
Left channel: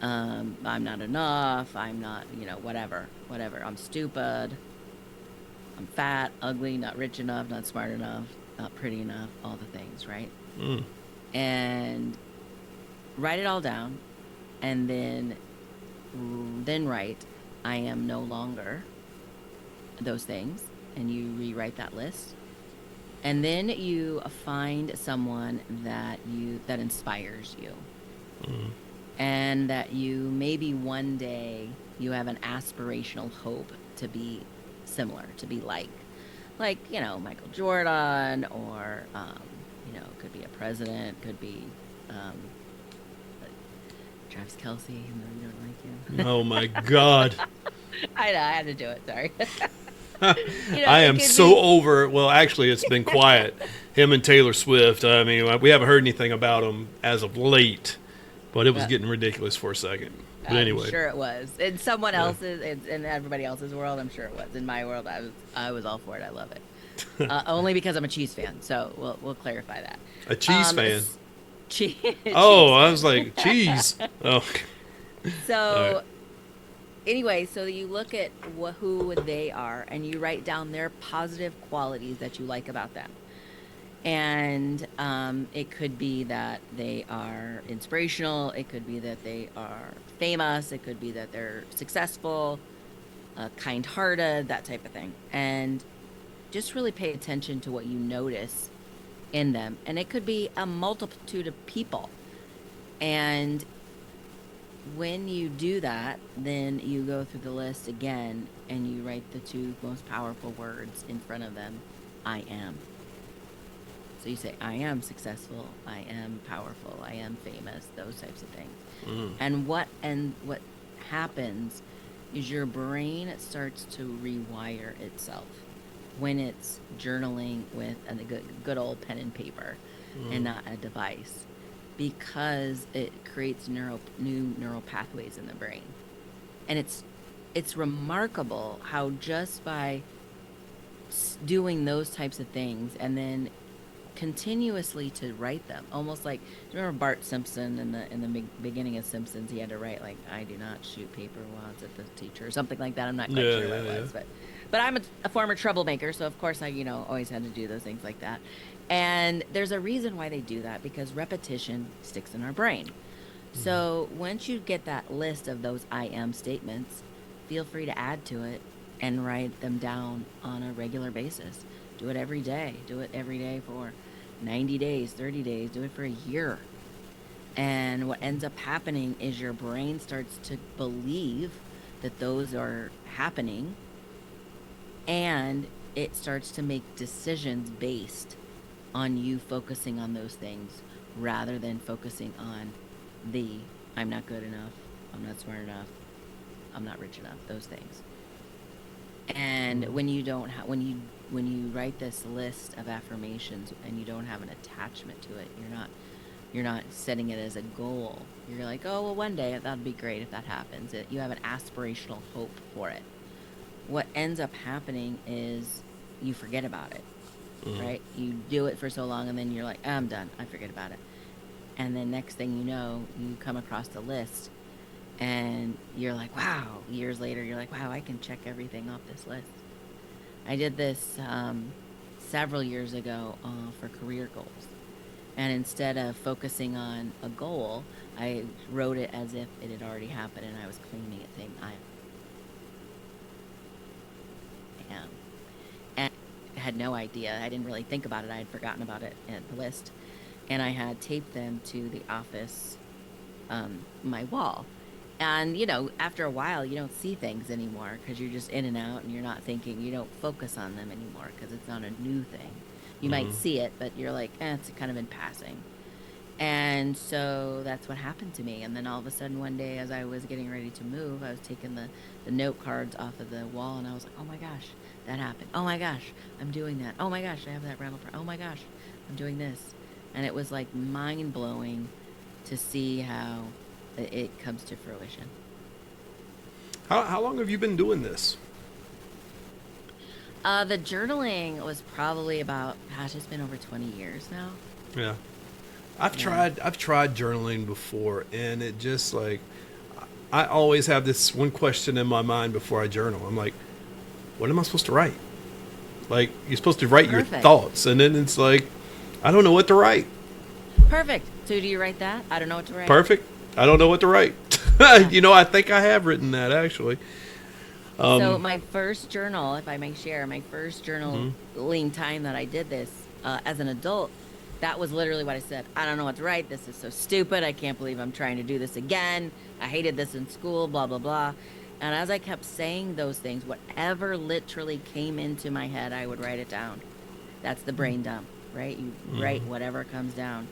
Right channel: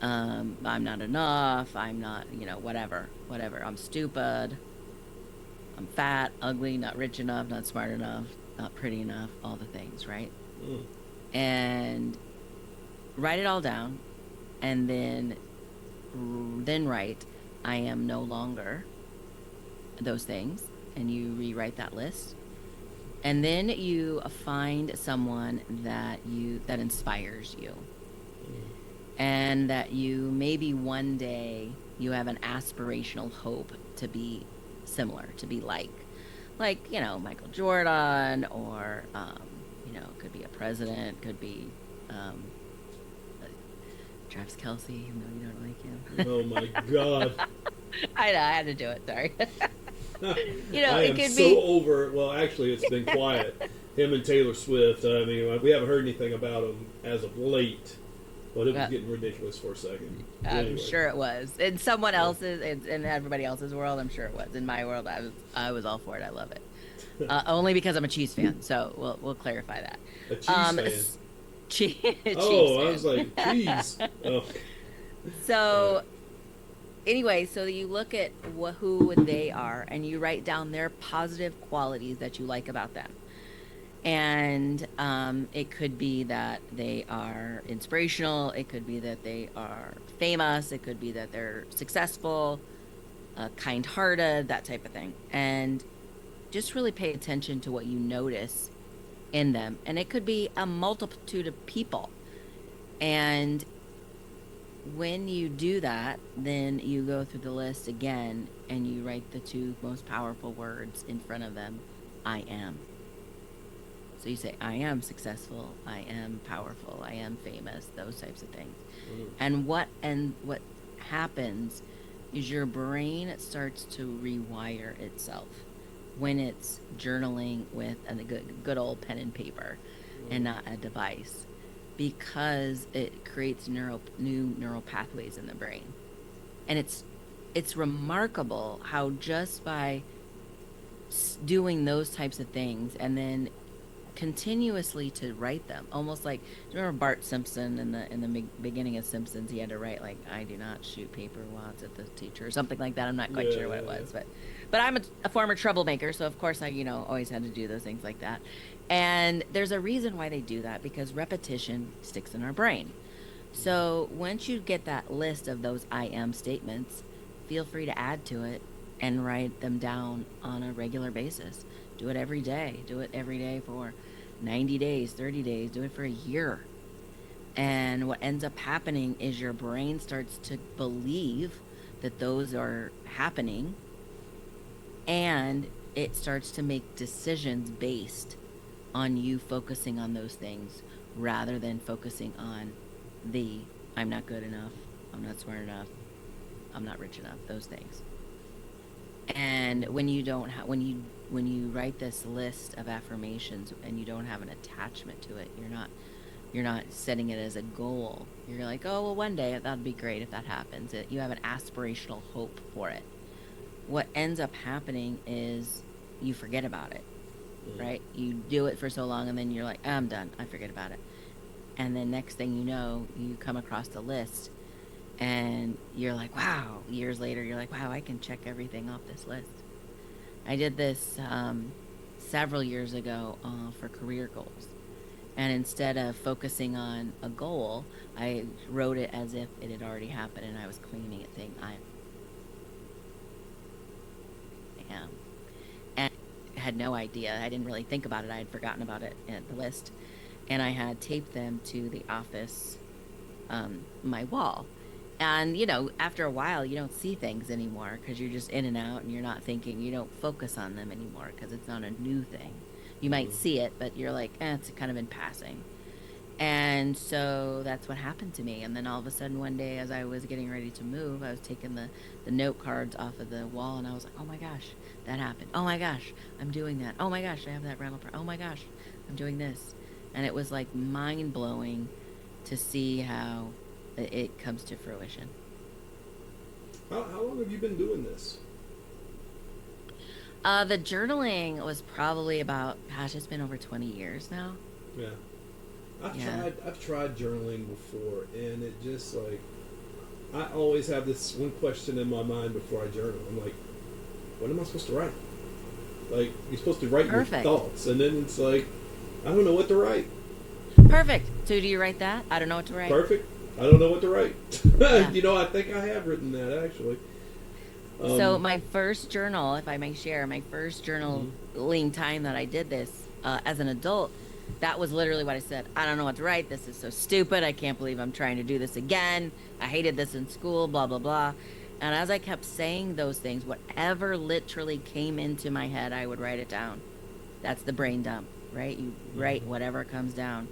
I'm not enough, I'm not, whatever. I'm stupid. I'm fat, ugly, not rich enough, not smart enough, not pretty enough, all the things, right? And write it all down, and then write, I am no longer those things, and you rewrite that list. And then you find someone that inspires you. And that you maybe one day you have an aspirational hope to be similar, to be like Michael Jordan, or could be a president, could be Travis Kelce, even though you don't like him. Oh my God. I know, I had to do it, sorry. I am so over. Well, actually, it's been quiet. Him and Taylor Swift. I mean, we haven't heard anything about him as of late, but it was getting ridiculous for a second. Anyway, I'm sure it was. In someone else's, in everybody else's world, I'm sure it was. In my world, I was all for it. I love it. Only because I'm a Chiefs fan. So we'll clarify that. A cheese fan. Cheese. Oh, I was like, cheese. Oh. So. Anyway, so you look at who they are, and you write down their positive qualities that you like about them. And it could be that they are inspirational. It could be that they are famous. It could be that they're successful, kind-hearted, that type of thing. And just really pay attention to what you notice in them. And it could be a multitude of people. And when you do that, then you go through the list again and you write the 2 most powerful words in front of them. I am. So you say, I am successful, I am powerful, I am famous, those types of things. And what happens is your brain starts to rewire itself when it's journaling with a good old pen and paper and not a device, because it creates new neural pathways in the brain. And it's remarkable how just by doing those types of things and then continuously to write them, almost like, do you remember Bart Simpson in the beginning of Simpsons? He had to write like, "I do not shoot paper wads at the teacher," or something like that. I'm not quite sure what it was, but I'm a former troublemaker, so of course I always had to do those things like that. And there's a reason why they do that, because repetition sticks in our brain. So once you get that list of those I am statements, feel free to add to it and write them down on a regular basis. Do it every day. Do it every day for 90 days, 30 days. Do it for a year. And what ends up happening is your brain starts to believe that those are happening, and it starts to make decisions based on you focusing on those things rather than focusing on the "I'm not good enough, I'm not smart enough, I'm not rich enough," those things. And when you don't when you write this list of affirmations and you don't have an attachment to it, you're not setting it as a goal. You're like, "Oh, well, one day that'd be great if that happens." You have an aspirational hope for it. What ends up happening is you forget about it, right? You do it for so long and then you're like, "I'm done. I forget about it." And then next thing you know, you come across the list and you're like, wow, years later, you're like, wow, I can check everything off this list. I did this several years ago for career goals. And instead of focusing on a goal, I wrote it as if it had already happened, and I was claiming it, saying, "I am." And I had no idea. I didn't really think about it. I had forgotten about it in the list. And I had taped them to the office, my wall. And, after a while, you don't see things anymore because you're just in and out and you're not thinking, you don't focus on them anymore because it's not a new thing. You might see it, but you're like, it's kind of in passing. And so that's what happened to me. And then all of a sudden one day, as I was getting ready to move, I was taking the note cards off of the wall and I was like, oh my gosh, that happened. Oh my gosh, I'm doing that. Oh my gosh, I have that rental. Oh my gosh, I'm doing this. And it was like mind blowing to see how it comes to fruition. How long have you been doing this? The journaling was probably about, gosh, it's been over 20 years now. Yeah. I've tried journaling before, and it just like, I always have this one question in my mind before I journal. I'm like, what am I supposed to write? Like, you're supposed to write your thoughts, and then it's like, I don't know what to write. Perfect. So do you write that? I don't know what to write. Perfect. I don't know what to write. Yeah. I think I have written that, actually. So my first journal, if I may share, my first journaling time that I did this as an adult, that was literally what I said. I don't know what to write. This is so stupid. I can't believe I'm trying to do this again. I hated this in school, blah, blah, blah. And as I kept saying those things, whatever literally came into my head, I would write it down. That's the brain dump, right? You write whatever comes down.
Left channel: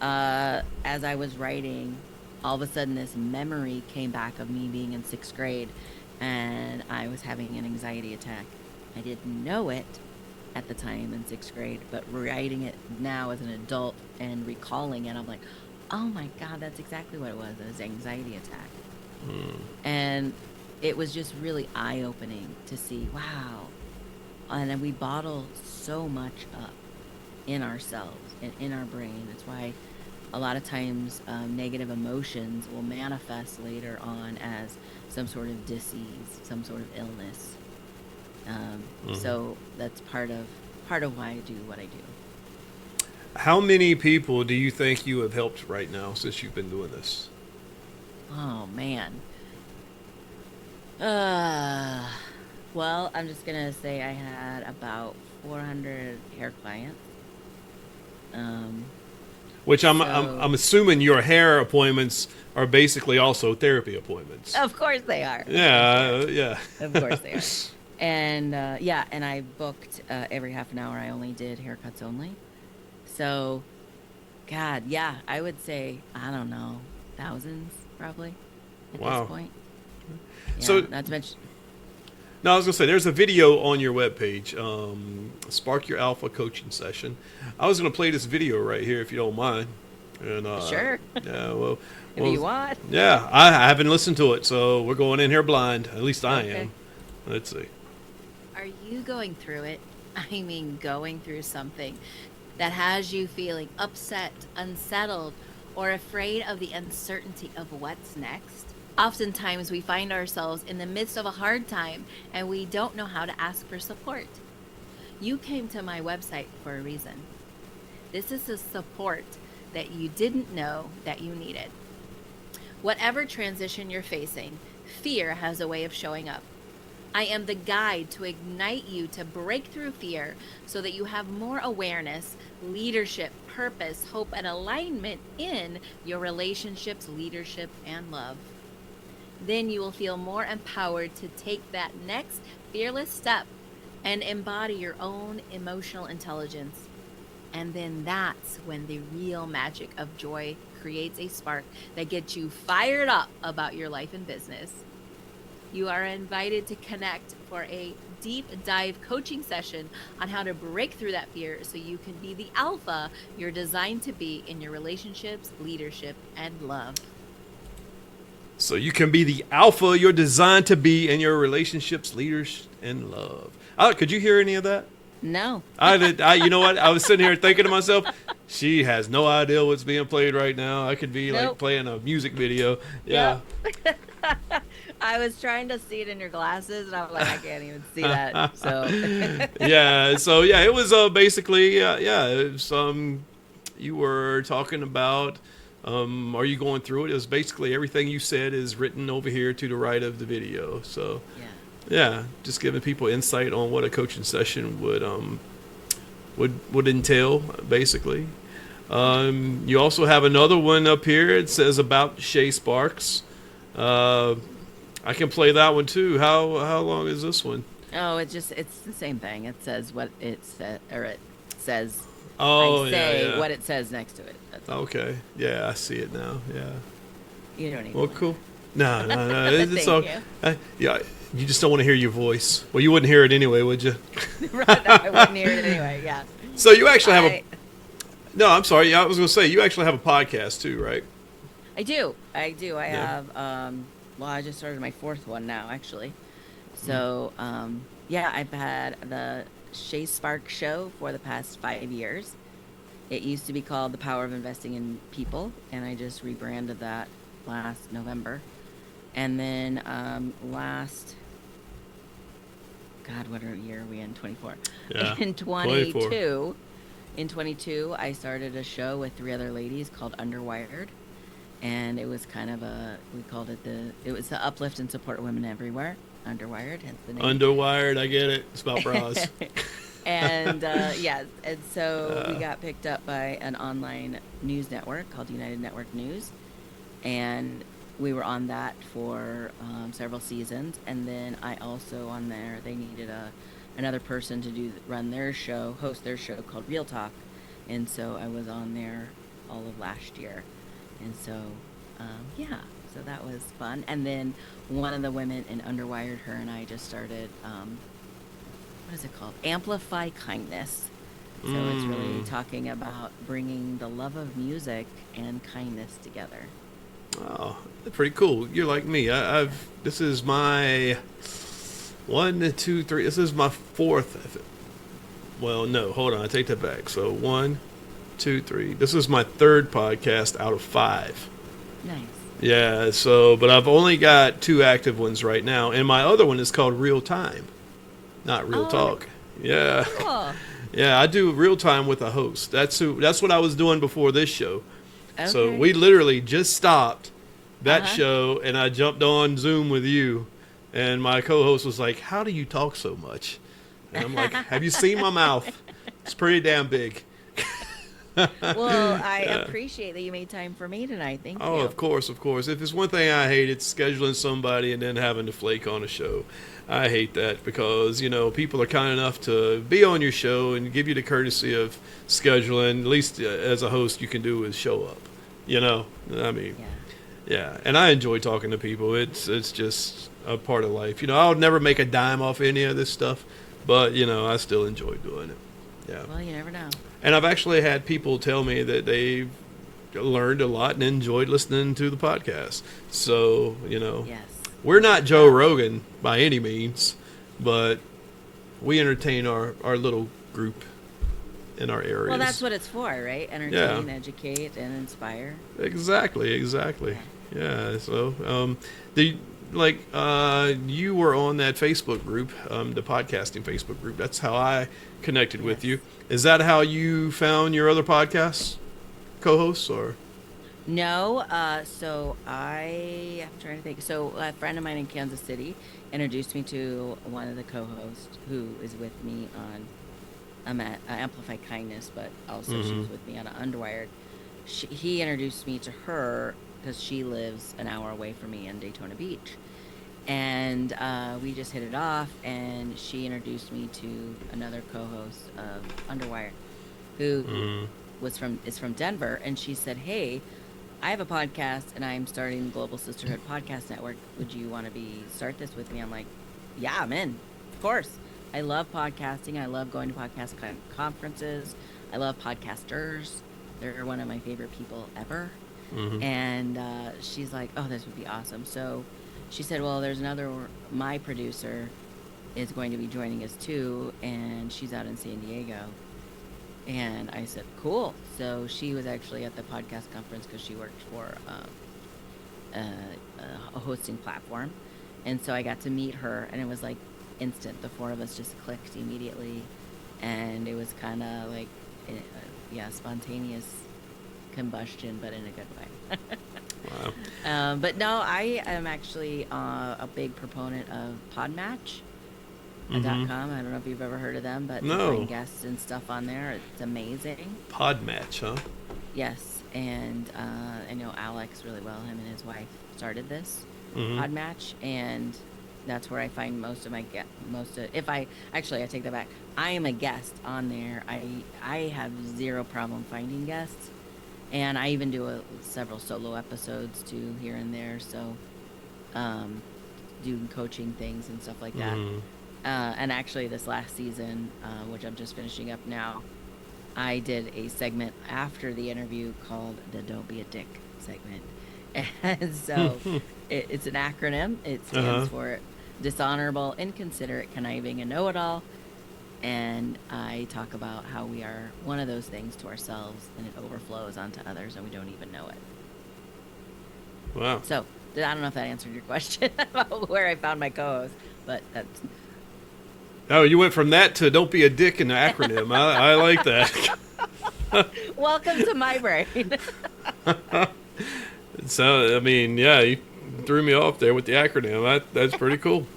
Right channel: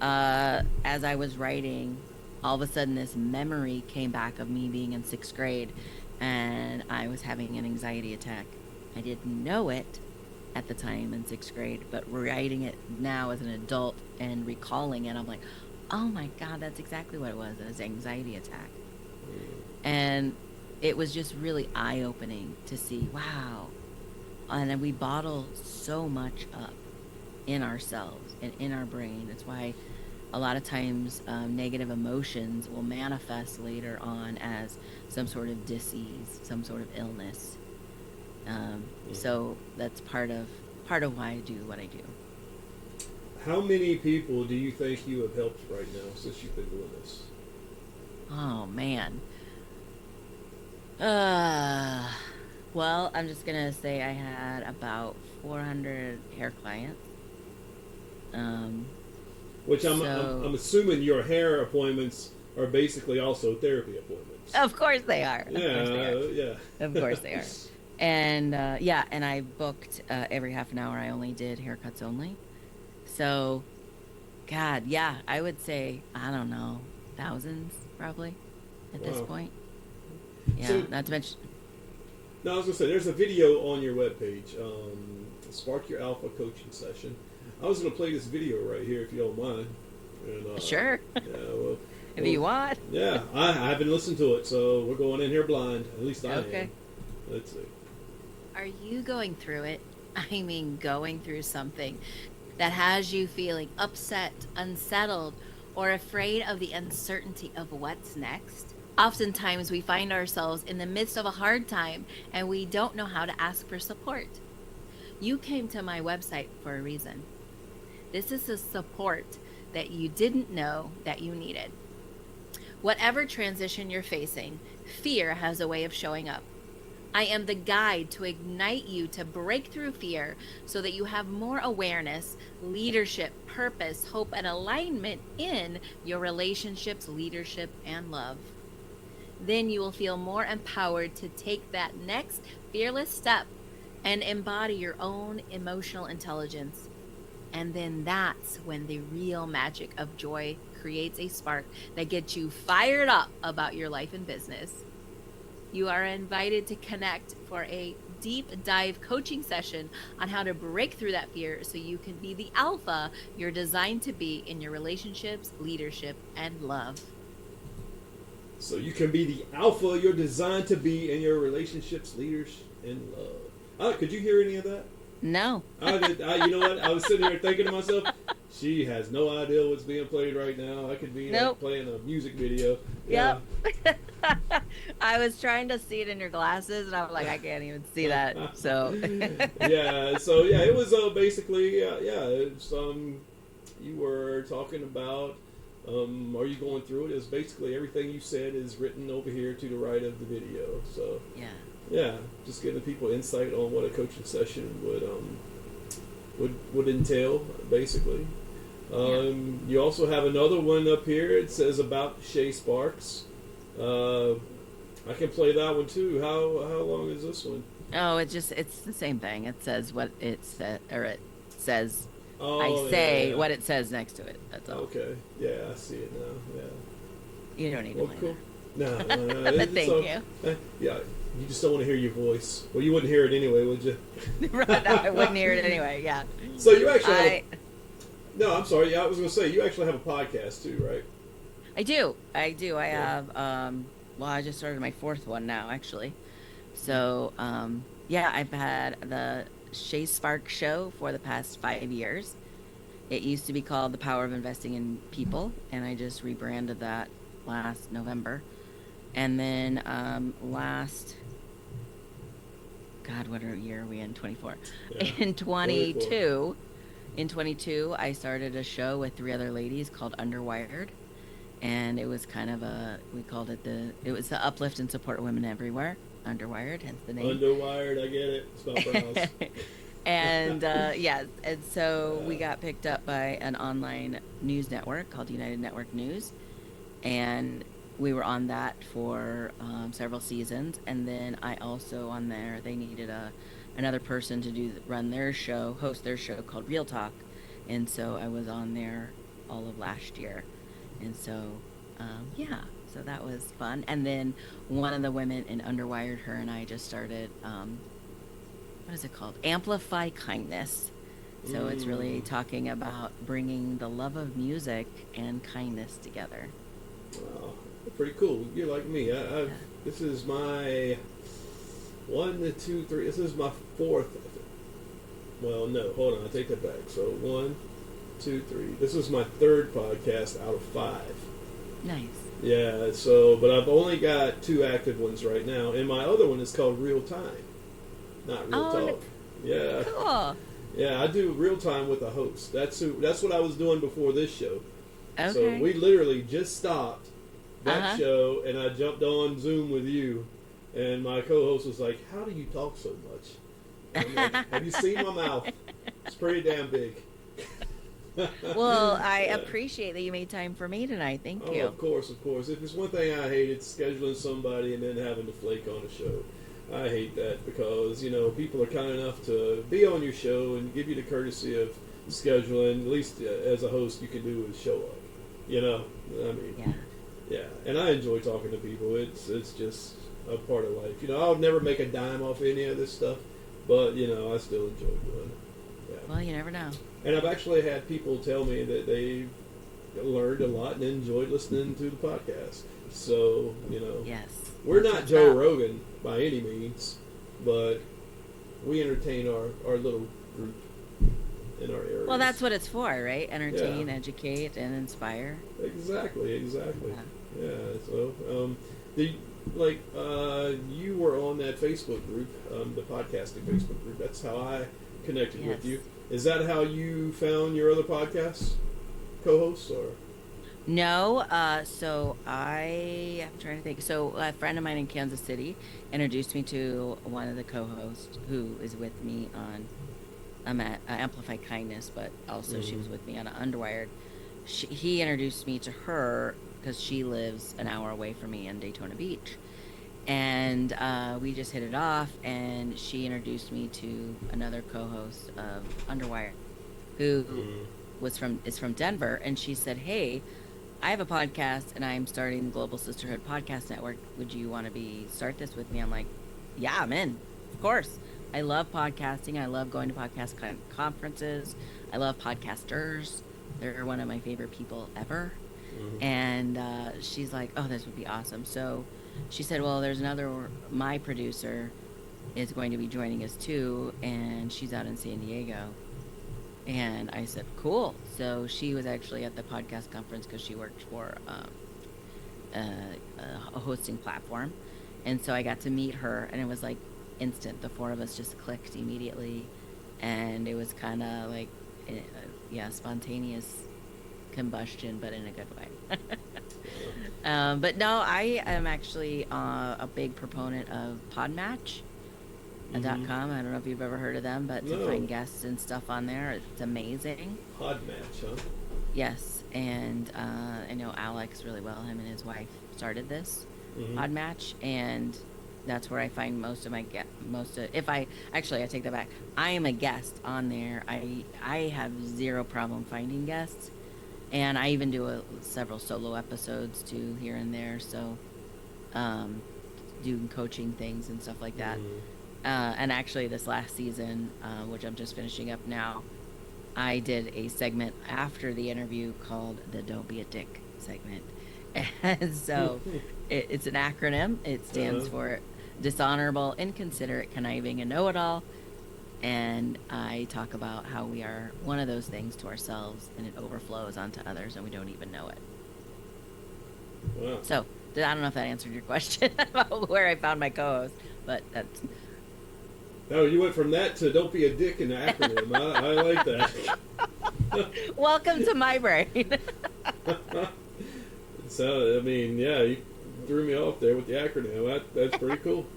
As I was writing, all of a sudden this memory came back of me being in 6th grade and I was having an anxiety attack. I didn't know it at the time in 6th grade, but writing it now as an adult and recalling it, I'm like, oh my God, that's exactly what it was. It was an anxiety attack. And it was just really eye-opening to see, wow. And then we bottle so much up in ourselves and in our brain. That's why a lot of times negative emotions will manifest later on as some sort of disease, some sort of illness. So that's part of why I do what I do. How many people do you think you have helped right now since you've been doing this? Oh man. Well, I'm just gonna say I had about 400 hair clients. Which I'm assuming your hair appointments are basically also therapy appointments. Of course they are. Yeah. Of course they are. And and I booked every half an hour. I only did haircuts only. So, God, yeah, I would say, I don't know, thousands probably at this point. Yeah, So, not to mention. no, I was gonna say there's a video on your webpage, Spark Your Alpha coaching session. I was gonna play this video right here if you don't mind. And Sure. yeah, well, If you want. yeah, I haven't listened to it, so we're going in here blind. At least I Okay. am. Let's see. Are you going through it? I mean, going through something that has you feeling upset, unsettled, or afraid of the uncertainty of what's next? Oftentimes, we find ourselves in the midst of a hard time and we don't know how to ask for support. You came to my website for a reason. This is the support that you didn't know that you needed. Whatever transition you're facing, fear has a way of showing up. I am the guide to ignite you to break through fear so that you have more awareness, leadership, purpose, hope, and alignment in your relationships, leadership, and love. Then you will feel more empowered to take that next fearless step and embody your own emotional intelligence. And then that's when the real magic of joy creates a spark that gets you fired up about your life and business. You are invited to connect for a deep dive coaching session on how to break through that fear so you can be the alpha you're designed to be in your relationships, leadership, and love. So you can be the alpha you're designed to be in your relationships, leaders, and love. Could you hear any of that? No. I did. You know what? I was sitting here thinking to myself, she has no idea what's being played right now. I could be like playing a music video. Yeah. Yep. I was trying to see it in your glasses, and I'm like, I can't even see that. So. Yeah. So yeah, it was basically it was, you were talking about. Are you going through it? It was basically everything you said is written over here to the right of the video. So. Yeah. Yeah, just giving people insight on what a coaching session would entail, basically. You also have another one up here. It says about Shā Sparks. I can play that one too. How long is this one? Oh, it's the same thing. It says what it said, or it says. Oh, I say yeah. what it says next to it. That's all. Okay. Yeah, I see it now. Yeah. You don't need to. Well, cool. No. Thank you. Yeah. You just don't want to hear your voice. Well, you wouldn't hear it anyway, would you? Right, no, I wouldn't hear it anyway. Yeah. So you actually have. No, I'm sorry. I was going to say you actually have a podcast too, right? I do. I have. Well, I just started my fourth one now, actually. So, yeah, I've had the Shā Sparks show for the past 5 years. It used to be called The Power of Investing in People, and I just rebranded that last November. And then God, what year are we in? 24. Yeah, In 22, 24. In 22, I started a show with 3 other ladies called Underwired, and it was kind of we called it it was the uplift and support women everywhere. Underwired, hence the name. Underwired, I get it. It's about bras. And and so we got picked up by an online news network called United Network News, and we were on that for several seasons. And then I also on there, they needed another person to host their show called Real Talk, and so I was on there all of last year. And so so that was fun. And then one of the women in Underwired, her and I just started what is it called? Amplify Kindness. So it's really talking about bringing the love of music and kindness together. Oh, pretty cool. You're like me. This is my 1, 2, 3. This is my 4th. Well, no, hold on. I take that back. So 1, 2, 3. This is my 3rd podcast out of 5. Nice. Yeah. So, but I've only got 2 active ones right now, and my other one is called Real Time, not Real Talk. Yeah. Cool. Yeah, I do real time with a host. That's what I was doing before this show. Okay. So we literally just stopped that show, and I jumped on Zoom with you, and my co-host was like, "How do you talk so much?" And I'm like, "Have you seen my mouth? It's pretty damn big." Well, I appreciate that you made time for me tonight. Thank you. Oh, of course, of course. If it's one thing I hate, it's scheduling somebody and then having to flake on a show. I hate that because, people are kind enough to be on your show and give you the courtesy of scheduling. At least as a host, you can do is show up. I mean, yeah. And I enjoy talking to people. It's just, a part of life. You know, I'll never make a dime off any of this stuff, but you know, I still enjoy doing it. Yeah. Well, you never know. And I've actually had people tell me that they learned a lot and enjoyed listening to the podcast. So, you know, Yes. we're not Joe Rogan by any means, but we entertain our little group in our areas. Well, that's what it's for, right? Entertain, educate, and inspire. Exactly. Yeah. So, you were on that Facebook group, the podcasting Facebook group. That's how I connected with you. Is that how you found your other podcast co-hosts, or? No, so I'm trying to think. So a friend of mine in Kansas City introduced me to one of the co-hosts who is with me on Amplify Kindness, but also she was with me on Underwired. He introduced me to her because she lives an hour away from me in Daytona Beach. And we just hit it off, and she introduced me to another co-host of Underwire who is from Denver, and she said, "Hey, I have a podcast and I'm starting the Global Sisterhood Podcast Network. Would you want to start this with me?" I'm like, "Yeah, I'm in. Of course. I love podcasting. I love going to podcast conferences. I love podcasters. They're one of my favorite people ever." And she's like, "Oh, this would be awesome." So she said, "Well, there's my producer is going to be joining us too, and she's out in San Diego." And I said, "Cool." So she was actually at the podcast conference because she worked for a hosting platform. And so I got to meet her, and it was like instant. The four of us just clicked immediately. And it was kind of like, spontaneous combustion, but in a good way. Wow. But no, I am actually a big proponent of Podmatch. .com. I don't know if you've ever heard of them, but No. to find guests and stuff on there, it's amazing. Podmatch, huh? Yes, and I know Alex really well. Him and his wife started this Podmatch, and that's where I find most of my I take that back. I am a guest on there. I have zero problem finding guests, and I even do several solo episodes too here and there. So, doing coaching things and stuff like that. And actually, this last season, which I'm just finishing up now, I did a segment after the interview called the "Don't Be a Dick" segment. And so it's an acronym. It stands for dishonorable, inconsiderate, conniving, and know-it-all. And I talk about how we are one of those things to ourselves, and it overflows onto others, and we don't even know it. Wow. So I don't know if that answered your question about where I found my co-host, but that's... Oh, you went from that to "don't be a dick" in the acronym. I like that. Welcome to my brain. So, I mean, yeah, you threw me off there with the acronym. That's pretty cool.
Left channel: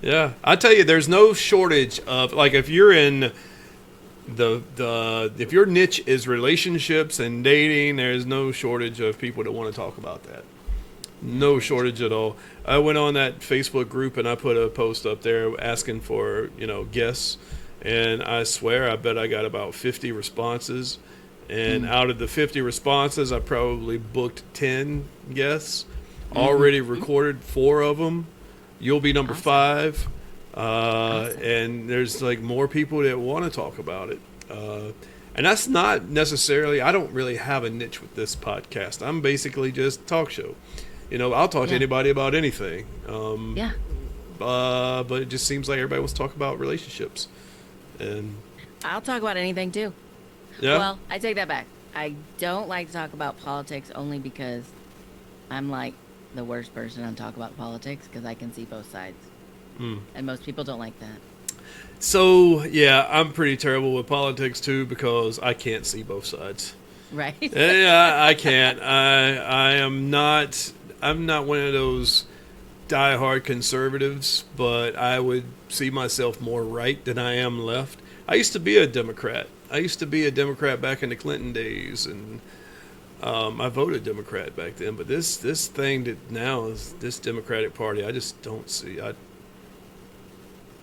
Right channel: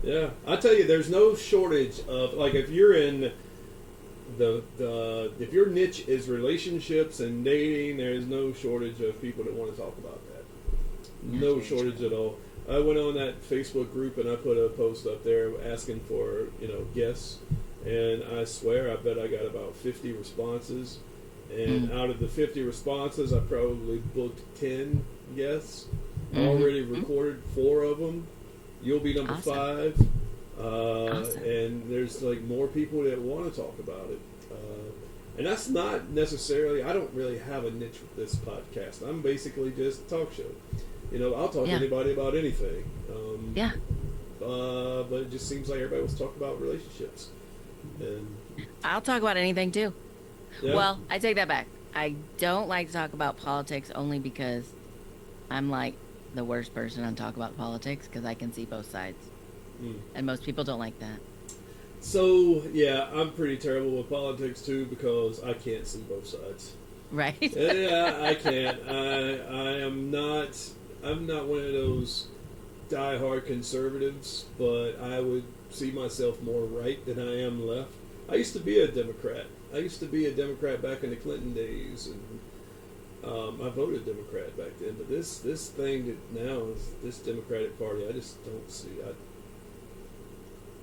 Yeah. I tell you, there's no shortage of, like, if you're in if your niche is relationships and dating, there's no shortage of people that want to talk about that. No shortage at all. I went on that Facebook group and I put a post up there asking for, guests. And I swear, I bet I got about 50 responses. And out of the 50 responses, I probably booked 10 guests. Already recorded 4 of them. You'll be number 5. Awesome. And there's like more people that want to talk about it. And that's not necessarily, I don't really have a niche with this podcast. I'm basically just a talk show. I'll talk to anybody about anything. But it just seems like everybody wants to talk about relationships. And I'll talk about anything too. Yeah. Well, I take that back. I don't like to talk about politics only because I'm like the worst person to talk about politics because I can see both sides. And most people don't like that. So, yeah, I'm pretty terrible with politics too because I can't see both sides. Right? Yeah, I can't. I'm not one of those diehard conservatives, but I would see myself more right than I am left. I used to be a Democrat. Back in the Clinton days, and I voted Democrat back then. But this thing that now is this Democratic Party, I just don't see.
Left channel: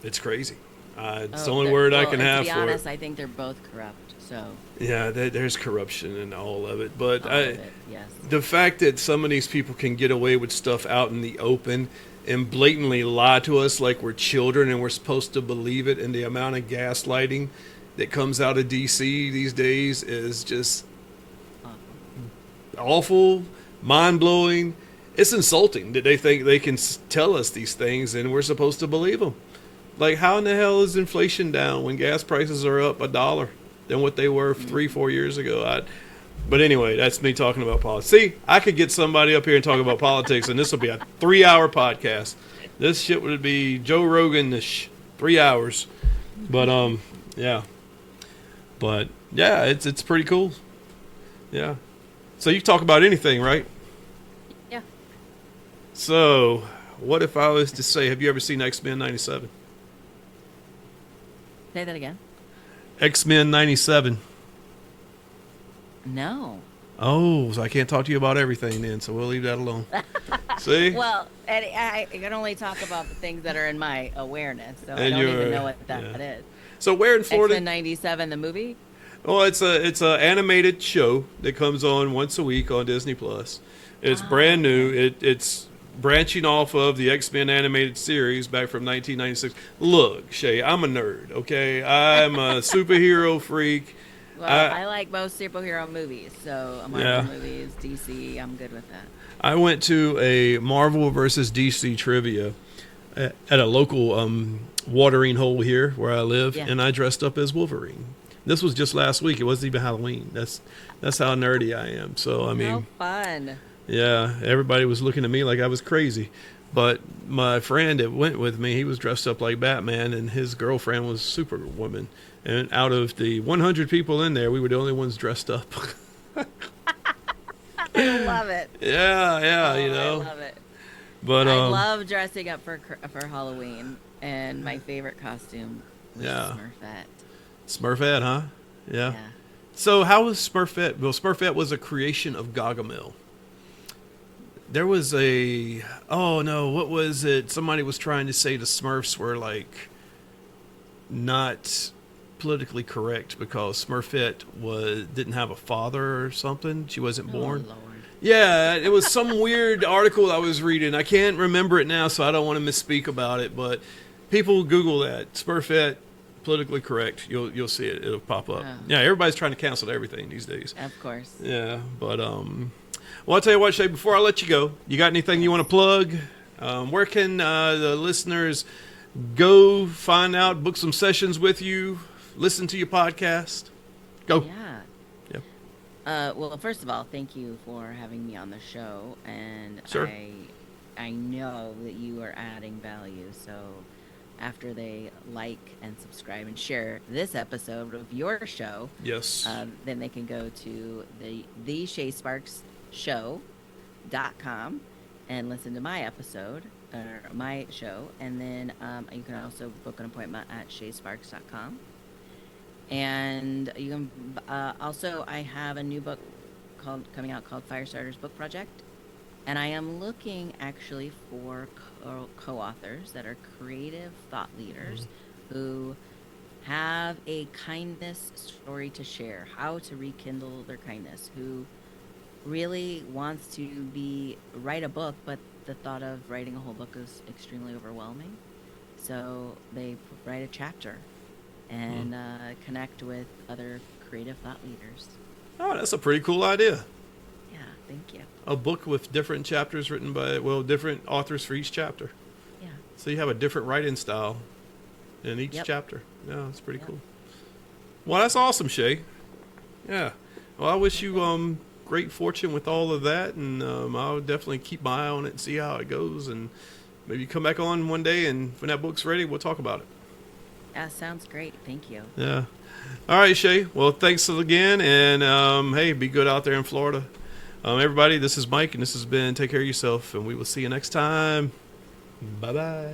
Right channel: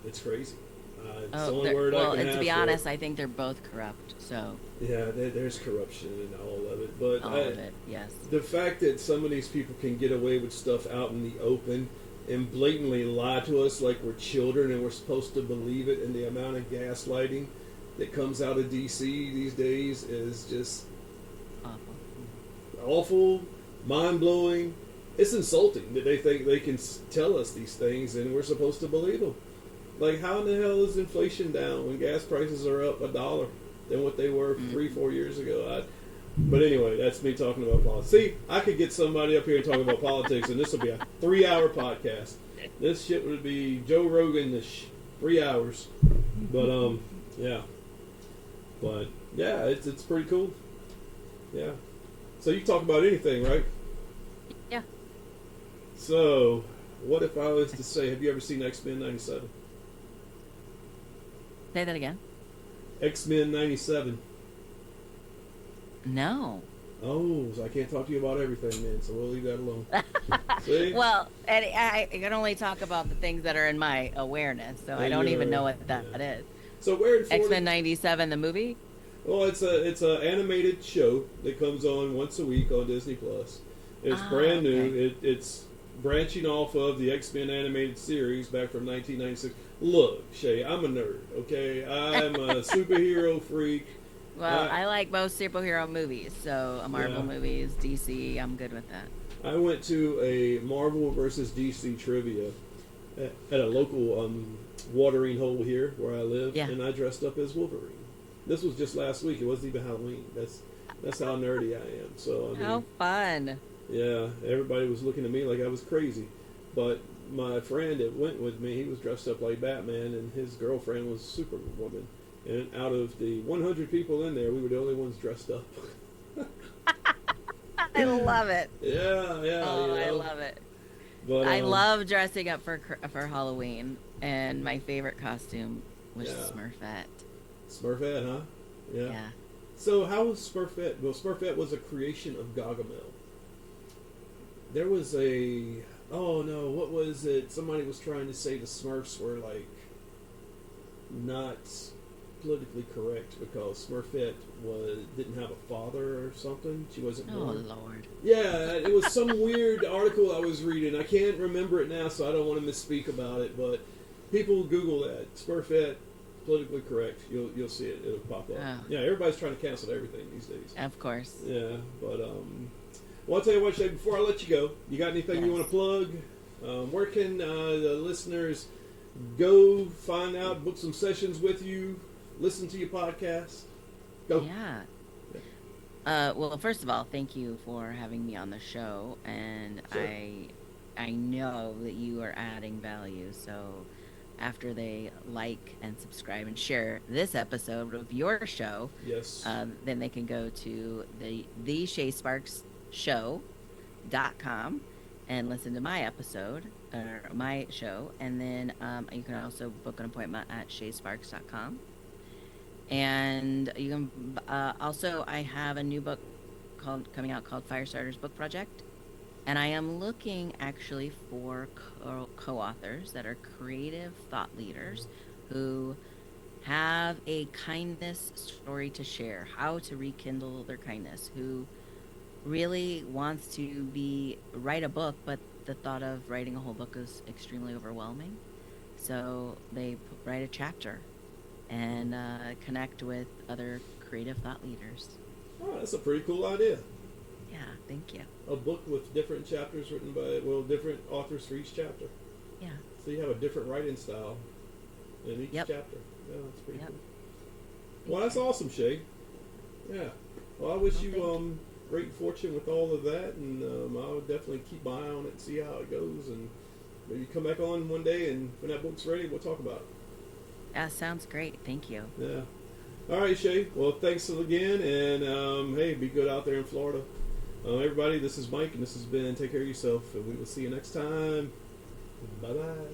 It's crazy. It's the only word I can have. To be for honest, it. I think they're both corrupt. So yeah, there's corruption in all of it. But all of it, yes. The fact that some of these people can get away with stuff out in the open and blatantly lie to us like we're children and we're supposed to believe it. And the amount of gaslighting that comes out of DC these days is just awful, mind-blowing. It's insulting that they think they can tell us these things and we're supposed to believe them. Like, how in the hell is inflation down when gas prices are up $1 than what they were 3-4 years ago? But anyway, that's me talking about politics. See, I could get somebody up here and talk about politics, and this will be a 3-hour podcast. This shit would be Joe Rogan-ish, 3 hours. But yeah. But yeah, it's pretty cool. Yeah. So you talk about anything, right? Yeah. So, what if I was to say, have you ever seen X-Men 97? Say that again. X-Men 97. No. Oh, so I can't talk to you about everything then, so we'll leave that alone. See? Well, I can only talk about the things that are in my awareness, so I don't even know what that is. So where in Florida? X-Men 97, the movie? Well, it's a animated show that comes on once a week on Disney Plus. It's brand new. It's branching off of the X-Men animated series back from 1996. Look, Shay, I'm a nerd, okay? I'm a superhero freak. Well, I like most superhero movies, so Marvel movies, DC, I'm good with that. I went to a Marvel versus DC trivia at a local watering hole here where I live, and I dressed up as Wolverine. This was just last week. It wasn't even Halloween. That's how nerdy I am. So I mean, how fun. Yeah, everybody was looking at me like I was crazy. But my friend that went with me, he was dressed up like Batman, and his girlfriend was Superwoman. And out of the 100 people in there, we were the only ones dressed up. I love it. Yeah, you know. I love it. But I love dressing up for Halloween, and my favorite costume was Smurfette. Smurfette, huh? Yeah. So how was Smurfette? Well, Smurfette was a creation of Gargamel. There was what was it? Somebody was trying to say the Smurfs were like not politically correct because Smurfette didn't have a father or something. She wasn't born. Oh Lord. Yeah, it was some weird article I was reading. I can't remember it now, so I don't want to misspeak about it. But people Google that Smurfette politically correct. You'll see it. It'll pop up. Oh. Yeah, everybody's trying to cancel everything these days. Of course. Yeah, but well, I'll tell you what, Shay. Before I let you go, you got anything you want to plug? Where can the listeners go find out, book some sessions with you, listen to your podcast? Go. Yeah. Well, first of all, thank you for having me on the show, and sure. I know that you are adding value. So after they like and subscribe and share this episode of your show, yes, then they can go to the Shā Sparks show.com and listen to my episode or my show, and then you can also book an appointment at shasparks.com. And you can also, I have a new book coming out called FIRESTARTERS Book Project, and I am looking actually for co-authors that are creative thought leaders who have a kindness story to share, how to rekindle their kindness, who really wants to write a book, but the thought of writing a whole book is extremely overwhelming. So they write a chapter and connect with other creative thought leaders. Oh, that's a pretty cool idea. Yeah, thank you. A book with different chapters written by, different authors for each chapter. Yeah. So you have a different writing style in each chapter. Yeah, that's pretty cool. Well, that's awesome, Shay. Yeah. Well, I wish you great fortune with all of that, and I'll definitely keep my eye on it and see how it goes, and maybe come back on one day, and when that book's ready, we'll talk about it. Yeah, sounds great. Thank you. Yeah. All right, Shay. Well, thanks again, and hey, be good out there in Florida. Everybody, this is Mike, and this has been Take Care of Yourself, and we will see you next time. Bye-bye.